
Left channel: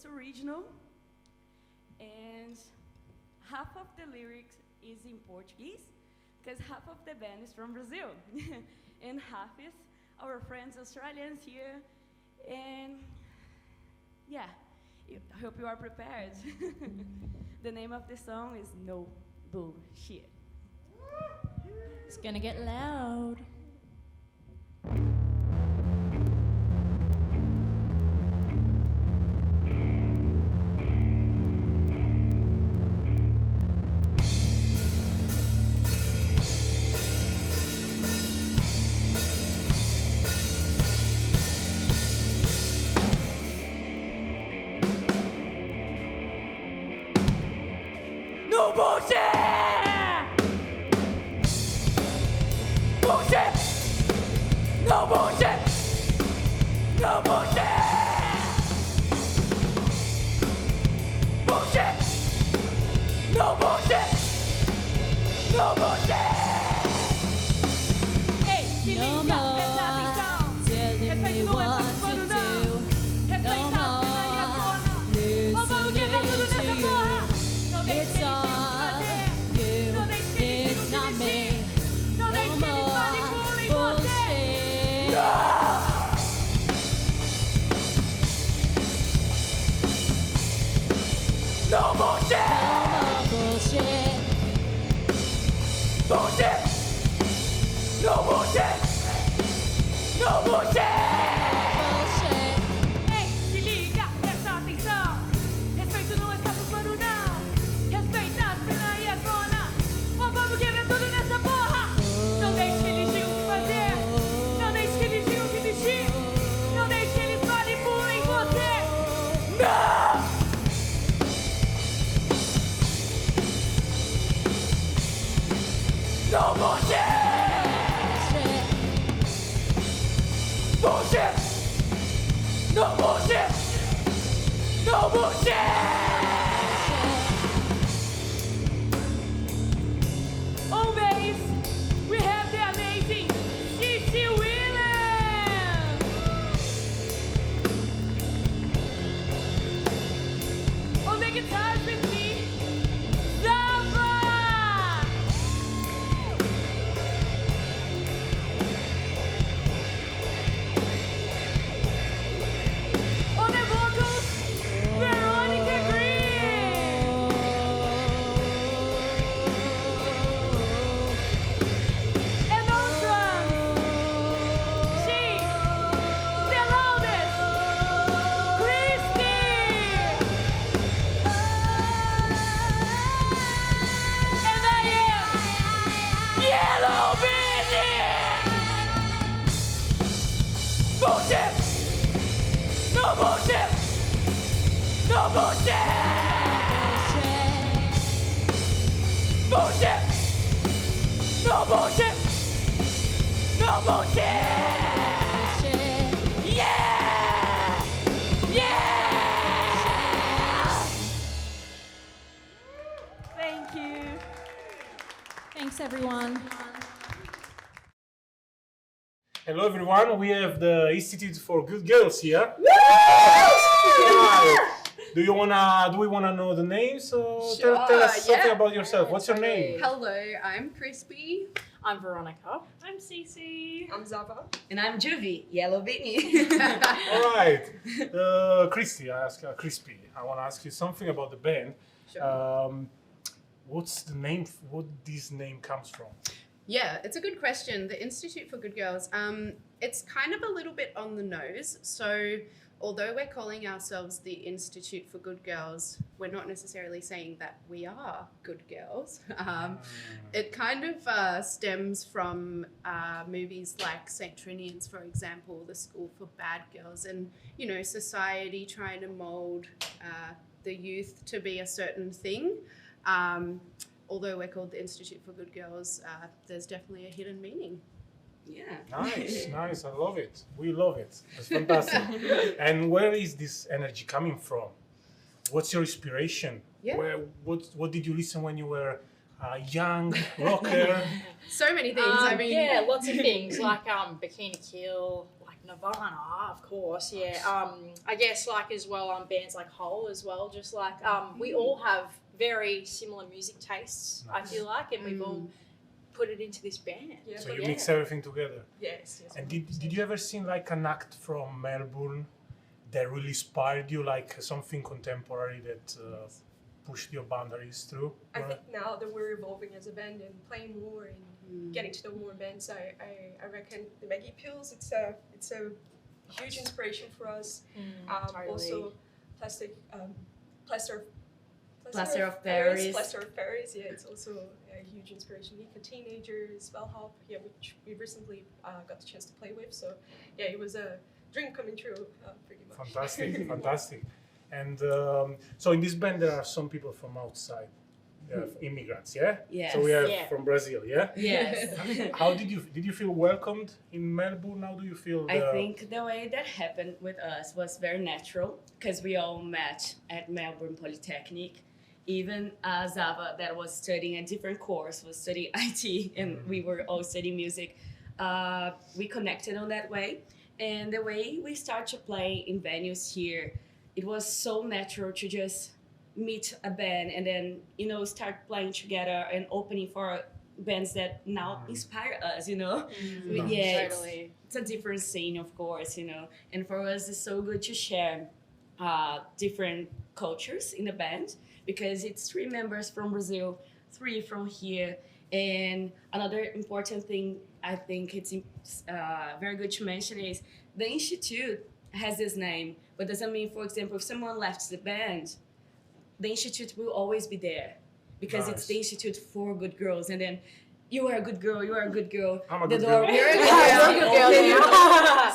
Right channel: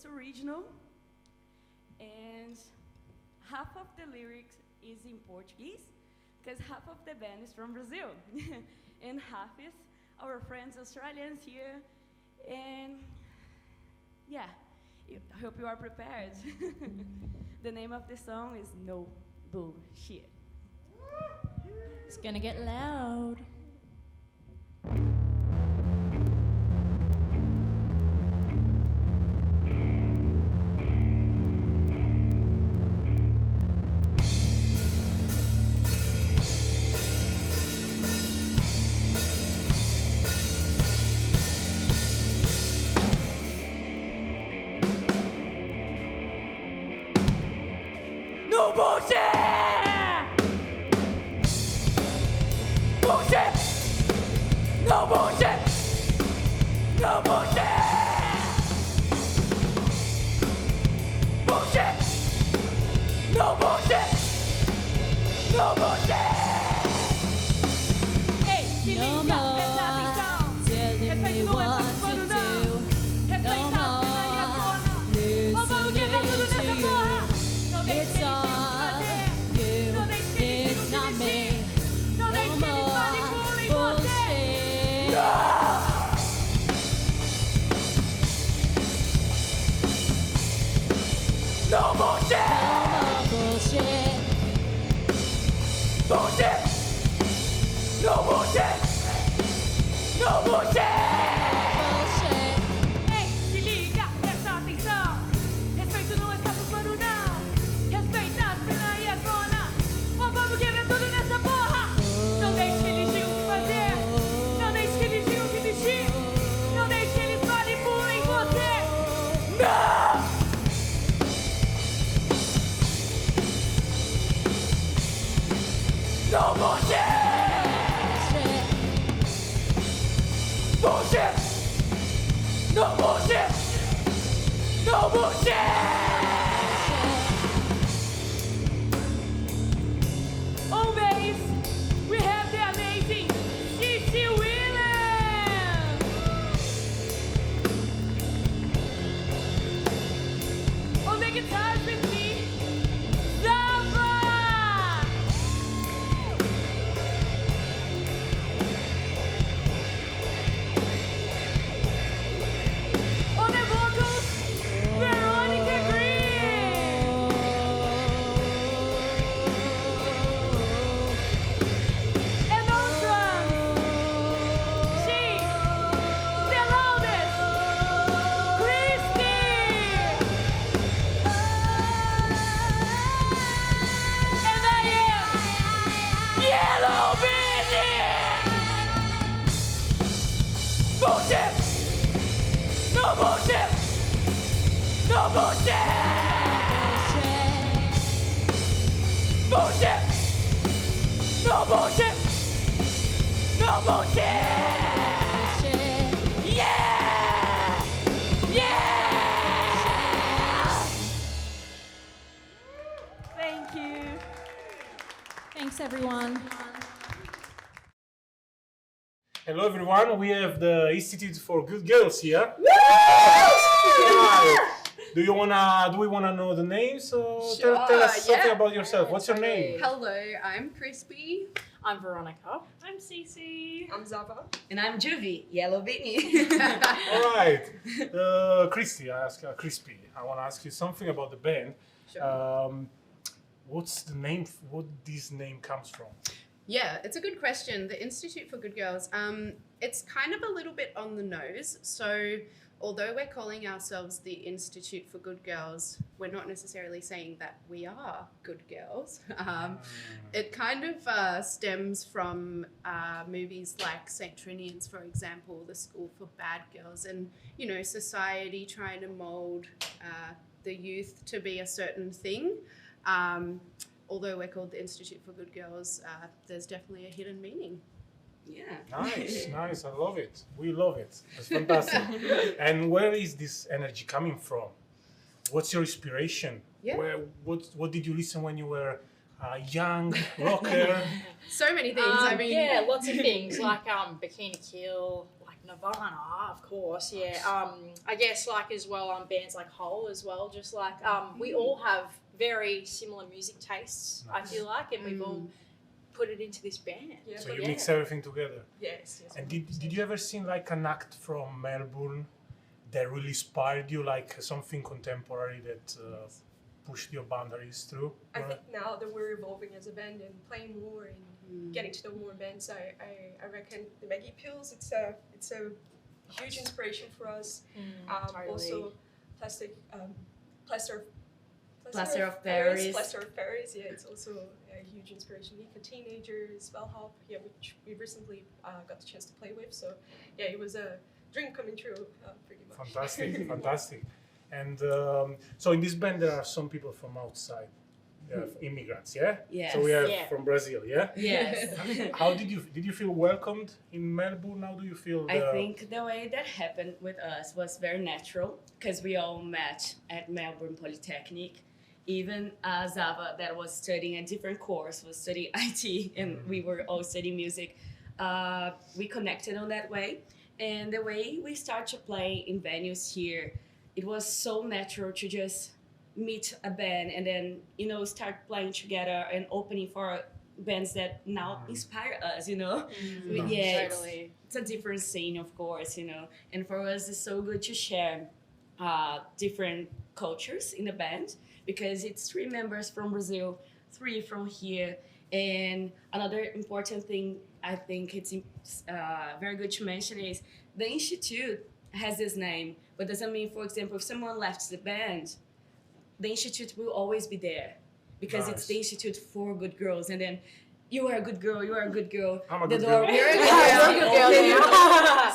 It's original, and half of the lyrics is in Portuguese, because half of the band is from Brazil, and half is our friends Australians here, and yeah, I hope you are prepared. The name of the song is No Bullshit. It's gonna get loud. No bullshit! Bullshit! No bullshit! No bullshit! Bullshit! No bullshit! No bullshit! Ei, se liga, presta atenção. Respeito não é participando não. Respeitado, sai a zona. Ou vamos quebrar tudo nessa porra. Não deixe eles fazer. Não deixe que eles digam desistir. Não deixe que eles manipulem você. No bullshit! Bullshit! No bullshit! No bullshit! Ei, se liga, presta atenção. Respeito não está pro pano não. Respeita a cena e a zona. Ou vamos quebrar tudo nessa porra. Não deixe que eles digam o que fazer. Não deixe que eles digam o que vestir. Não deixe que eles manipulem você. Não! No bullshit! Bullshit! No bullshit! No bullshit! Always, we have the amazing Ioele! On the guitars with me, Zava! On the vocals, Veronica Green! And on drums, she's the loudest, Kristy! And I am Yellow Bennett! Bullshit! No bullshit! No bullshit! Bullshit! No bullshit! No bullshit! Yeah! Yeah! Thank you. Thanks, everyone. Hello, everyone. We have the Institute for Good Girls here. Right. Do we wanna know the names? Or Sure, tell us something yeah. about yourself. What's your name? Hello, I'm Kristy. I'm Veronica. I'm Cece. I'm Zava. And I'm Juvie, Yellow Bennett. All right, Kristy, Crispy. I want to ask you something about the band. Sure. What's the name? What this name comes from? Yeah, it's a good question. The Institute for Good Girls, it's kind of a little bit on the nose. So although we're calling ourselves the Institute for Good Girls, we're not necessarily saying that we are good girls. It kind of stems from movies like St. Trinian's, for example, The School for Bad Girls, and, you know, society trying to mold the youth to be a certain thing. Although we're called the Institute for Good Girls, there's definitely a hidden meaning. Yeah. Nice. I love it. We love it. It's fantastic. And where is this energy coming from? What's your inspiration? Yeah. What did you listen when you were young rocker? So many things. I mean, yeah, lots of things like Bikini Kill, like Nirvana, of course, yeah. I guess like as well, bands like Hole as well, just like we all have very similar music tastes, I feel like, and we've all put it into this band. Yeah, so you mix everything together. Yes. And did you ever see like an act from Melbourne that really inspired you, like something contemporary that pushed your boundaries through? I think now that we're evolving as a band and playing more and getting to know more bands, I reckon the Maggie Pills, it's a huge inspiration for us. Totally. Also, Plaster of Paris. Plaster of Paris, yeah, it's also a huge inspiration. Nika Teenagers, Bellhop, yeah, which we recently got the chance to play with. So, yeah, it was a dream coming true, pretty much. Fantastic. And so in this band there are some people from outside, immigrants, yeah? Yes. So we are from Brazil, yeah? Yes. How did you feel welcomed in Melbourne? How do you feel? I think the way that happened with us was very natural because we all met at Melbourne Polytechnic. Even Zava, that was studying a different course, was studying IT, and we were all studying music. We connected on that way. And the way we start to play in venues here, it was so natural to just meet a band and then, start playing together and opening for bands that now inspire us, Yeah, Totally. it's a different scene, of course, And for us, it's so good to share different cultures in the band because it's 3 members from Brazil, 3 from here. And another important thing I think it's very good to mention is the Institute has this name, but doesn't mean, for example, if someone left the band, the Institute will always be there because it's the Institute for Good Girls. And then you are a good girl, you are a good girl. I'm a good girl. You're a good girl.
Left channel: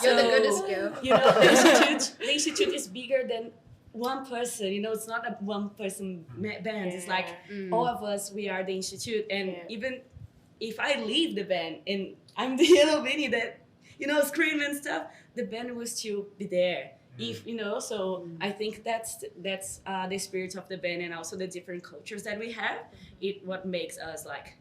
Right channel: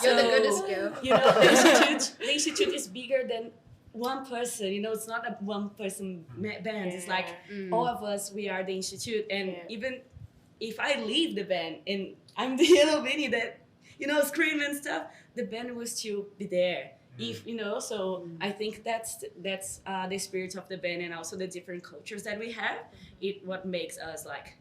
You're the goodest girl. The Institute is bigger than one person, it's not a one-person band. It's like all of us, we are the Institute. And even if I leave the band and I'm the Ioele Vinny that, scream and stuff, the band will still be there. If so I think that's the spirit of the band and also the different cultures that we have. What makes us like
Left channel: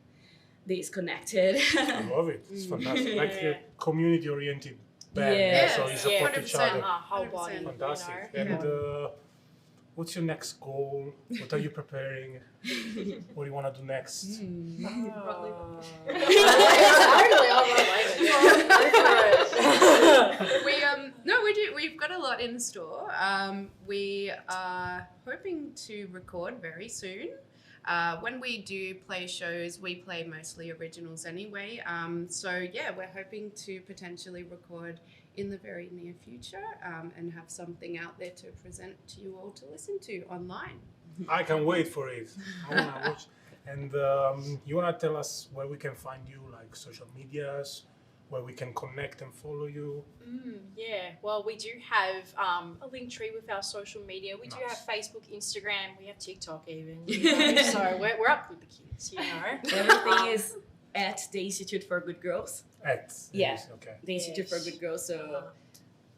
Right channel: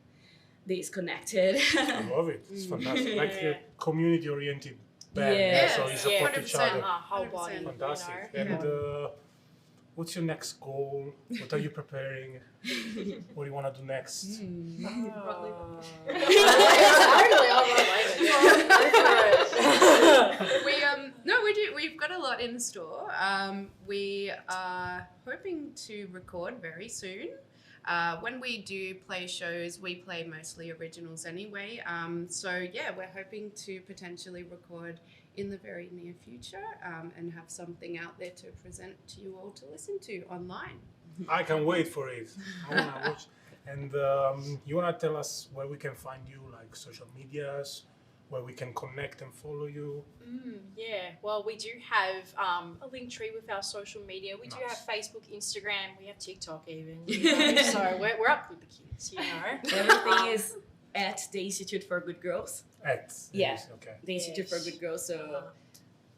this connected. I love it. It's fantastic. Like a community-oriented band. So you support each other. Whole body. Fantastic. And what's your next goal? What are you preparing? What do you want to do next? We do. We've got a lot in store. We are hoping to record very soon. When we do play shows, we play mostly originals anyway. So yeah, we're hoping to potentially record in the very near future and have something out there to present to you all to listen to online. I can wait for it. I want to watch. And you want to tell us where we can find you, like social medias, where we can connect and follow you? Yeah, well, we do have a link tree with our social media. We do have Facebook, Instagram, we have TikTok even. So we're up with the kids, Everything is at the Institute for Good Girls. Okay. The Institute for Good Girls. So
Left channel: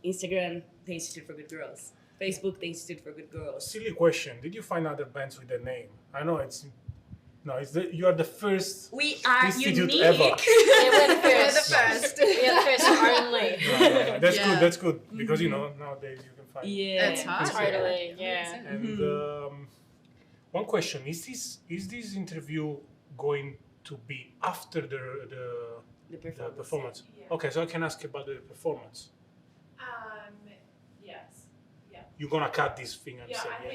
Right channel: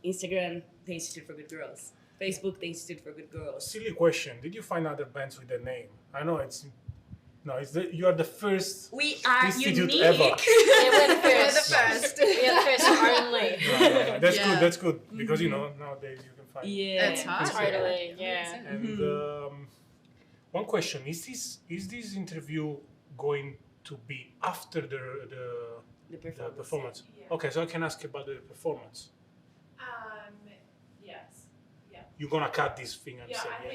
Instagram, the Institute for Good Girls. Facebook, the Institute for Good Girls. Silly question. Did you find other bands with that name? I know you are the first we are institute unique. ever. We're the first. We're the first only. No. That's good because nowadays you can find. Yeah, it's hard. Totally. Yeah. And one question: Is this interview going to be after the performance? Yeah. Okay, so I can ask about the performance. Yes. Yeah. You're gonna cut this thing and say, I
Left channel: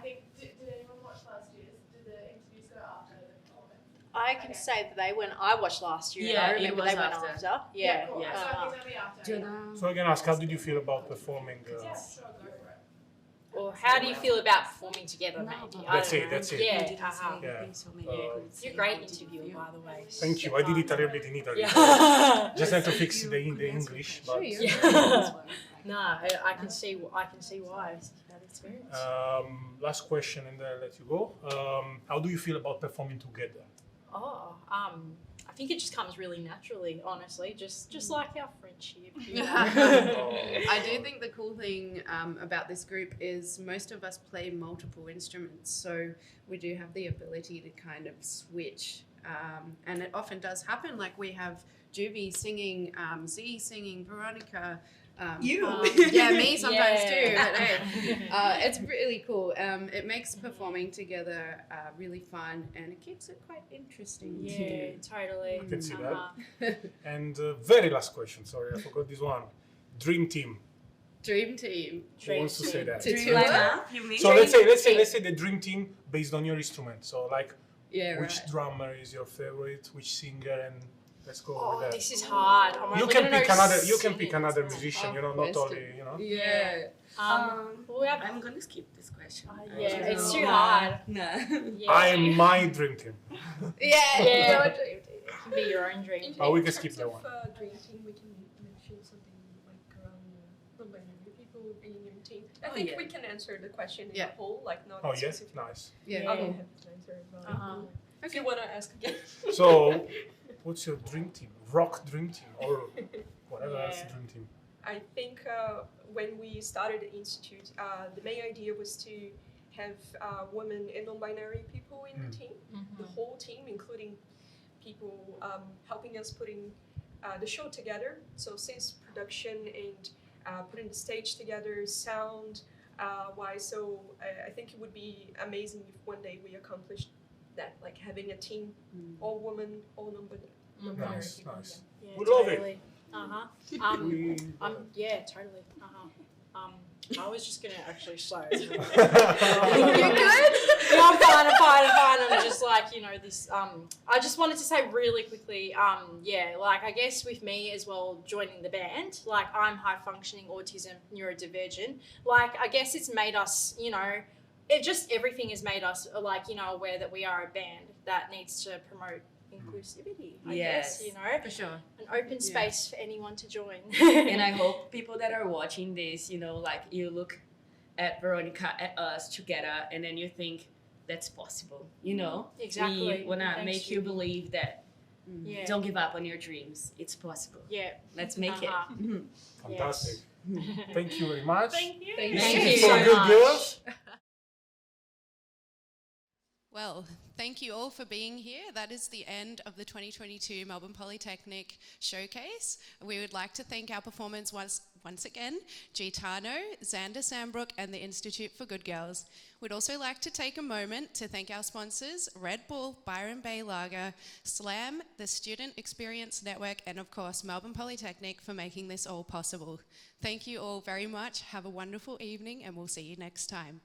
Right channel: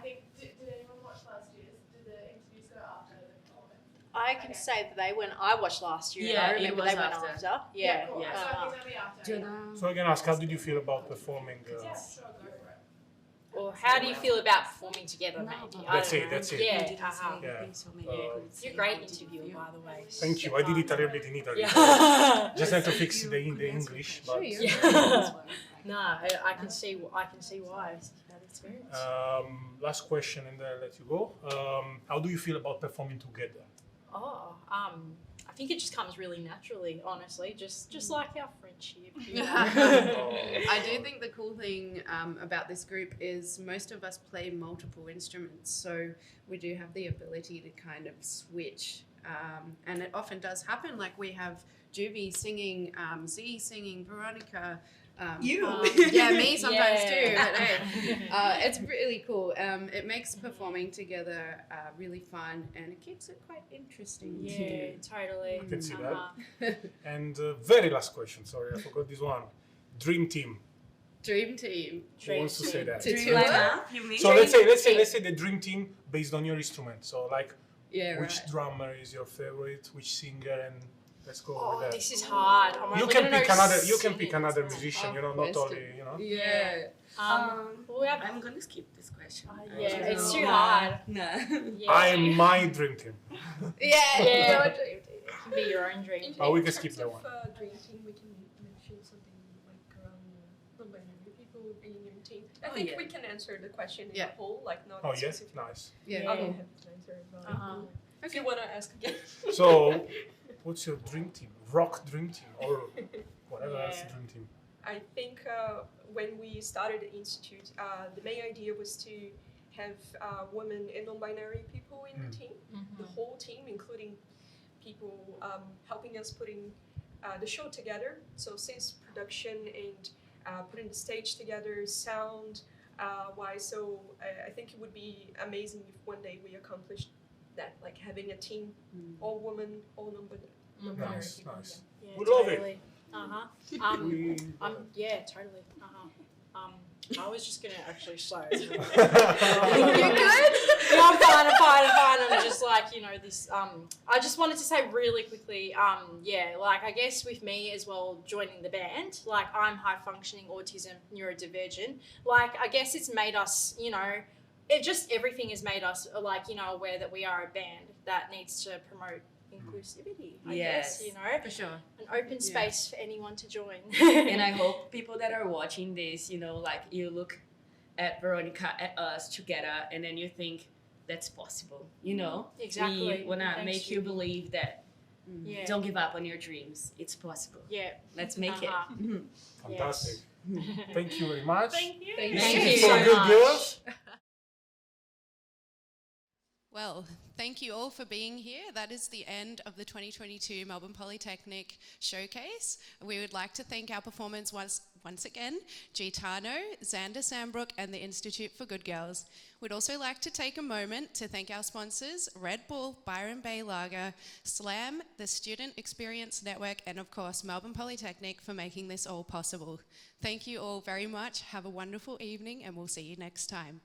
think. Did anyone watch last year's? Did the interviews go after the performance? I can say that they went. I watched last year. Yeah, I remember it was they went after. after. Yeah. Cool. So I think that'll be after. So I can ask, how did you feel about performing? Yeah, sure, go for it. Or how do you feel about performing together, maybe? That's it. Yeah. You're a great interviewer, by the way. Thank you. I did it a little bit in Italy. Just have to fix the English. But No, I can see why. That experience. Last question, and then I'll let you go. How do you feel about performing together? I think it just comes really naturally, honestly, just like our friendship. I do think the cool thing about this group is most of us play multiple instruments, so we do have the ability to kind of switch, and it often does happen. Like we have Juvie singing, Z singing, Veronica, Yeah, me sometimes Yeah. too. But hey, it's really cool. It makes performing together really fun, and it keeps it quite interesting Yeah, too. totally. I can see Uh-huh. that. And very last question. Sorry, I forgot this one. Dream team. Dream team. Who wants to say that? To Dream tour? lineup, you mean? So let's say the dream team based on your instrument. So like, Yeah, which right. drummer is your favorite? Which singer? And let's go Oh, with that. this is hard. I'm You only can gonna pick know another. You can singing. pick another musician. You know, not Question. only you know. Yeah. Well, we have, I'm gonna skip this question. yeah, it's too Nah. hard. Nah. Yeah. I'm my dream team. Yeah. Yeah. It can be your own dream. Oh, we In can skip terms that of, one. Dream team, we can mention something like around non-binary people being in team. I think we can answer the question in a whole, like not Oh yeah, specific. nice. Yeah. I'll be happy to answer as well. If you want to ask again. So, what's your dream team? Rock dream team or whatever else dream team? I think when we started the institute, the main idea was to have women and non-binary people in the team, the whole team, including people helping us putting the show together. So since production and putting the stage together, sound wise, so I think it would be amazing if one day we accomplished that, like having a team, all women, all non-binary Nice, people. nice. Yeah, We love totally. it. Yeah, totally. I was just gonna actually say. You good? No, I'm fine. I'm just like, this. I just wanted to say really quickly. Like I guess with me as well joining the band, like I'm high functioning autism neurodivergent. Like I guess it's made us, everything has made us aware that we are a band that needs to promote inclusivity. I guess, For sure. an open space for anyone to join. And I hope people that are watching this, like you look at Veronica, at us together, and then you think that's possible. Exactly. We wanna Thanks, make you believe that. Yeah. Don't give up on your dreams. It's possible. Yeah. Let's make it. Fantastic. Thank you very much. Thank you. Thank Thank you you So so good, much. girls. Well, thank you all for being here. That is the end of the 2022 Melbourne Polytechnic Showcase. We would like to thank our performers once again, Gitano, Xander Sambrook and the Institute for Good Girls. We'd also like to take a moment to thank our sponsors, Red Bull, Byron Bay Lager, SLAM, the Student Experience Network, and of course Melbourne Polytechnic for making this all possible. Thank you all very much. Have a wonderful evening and we'll see you next time.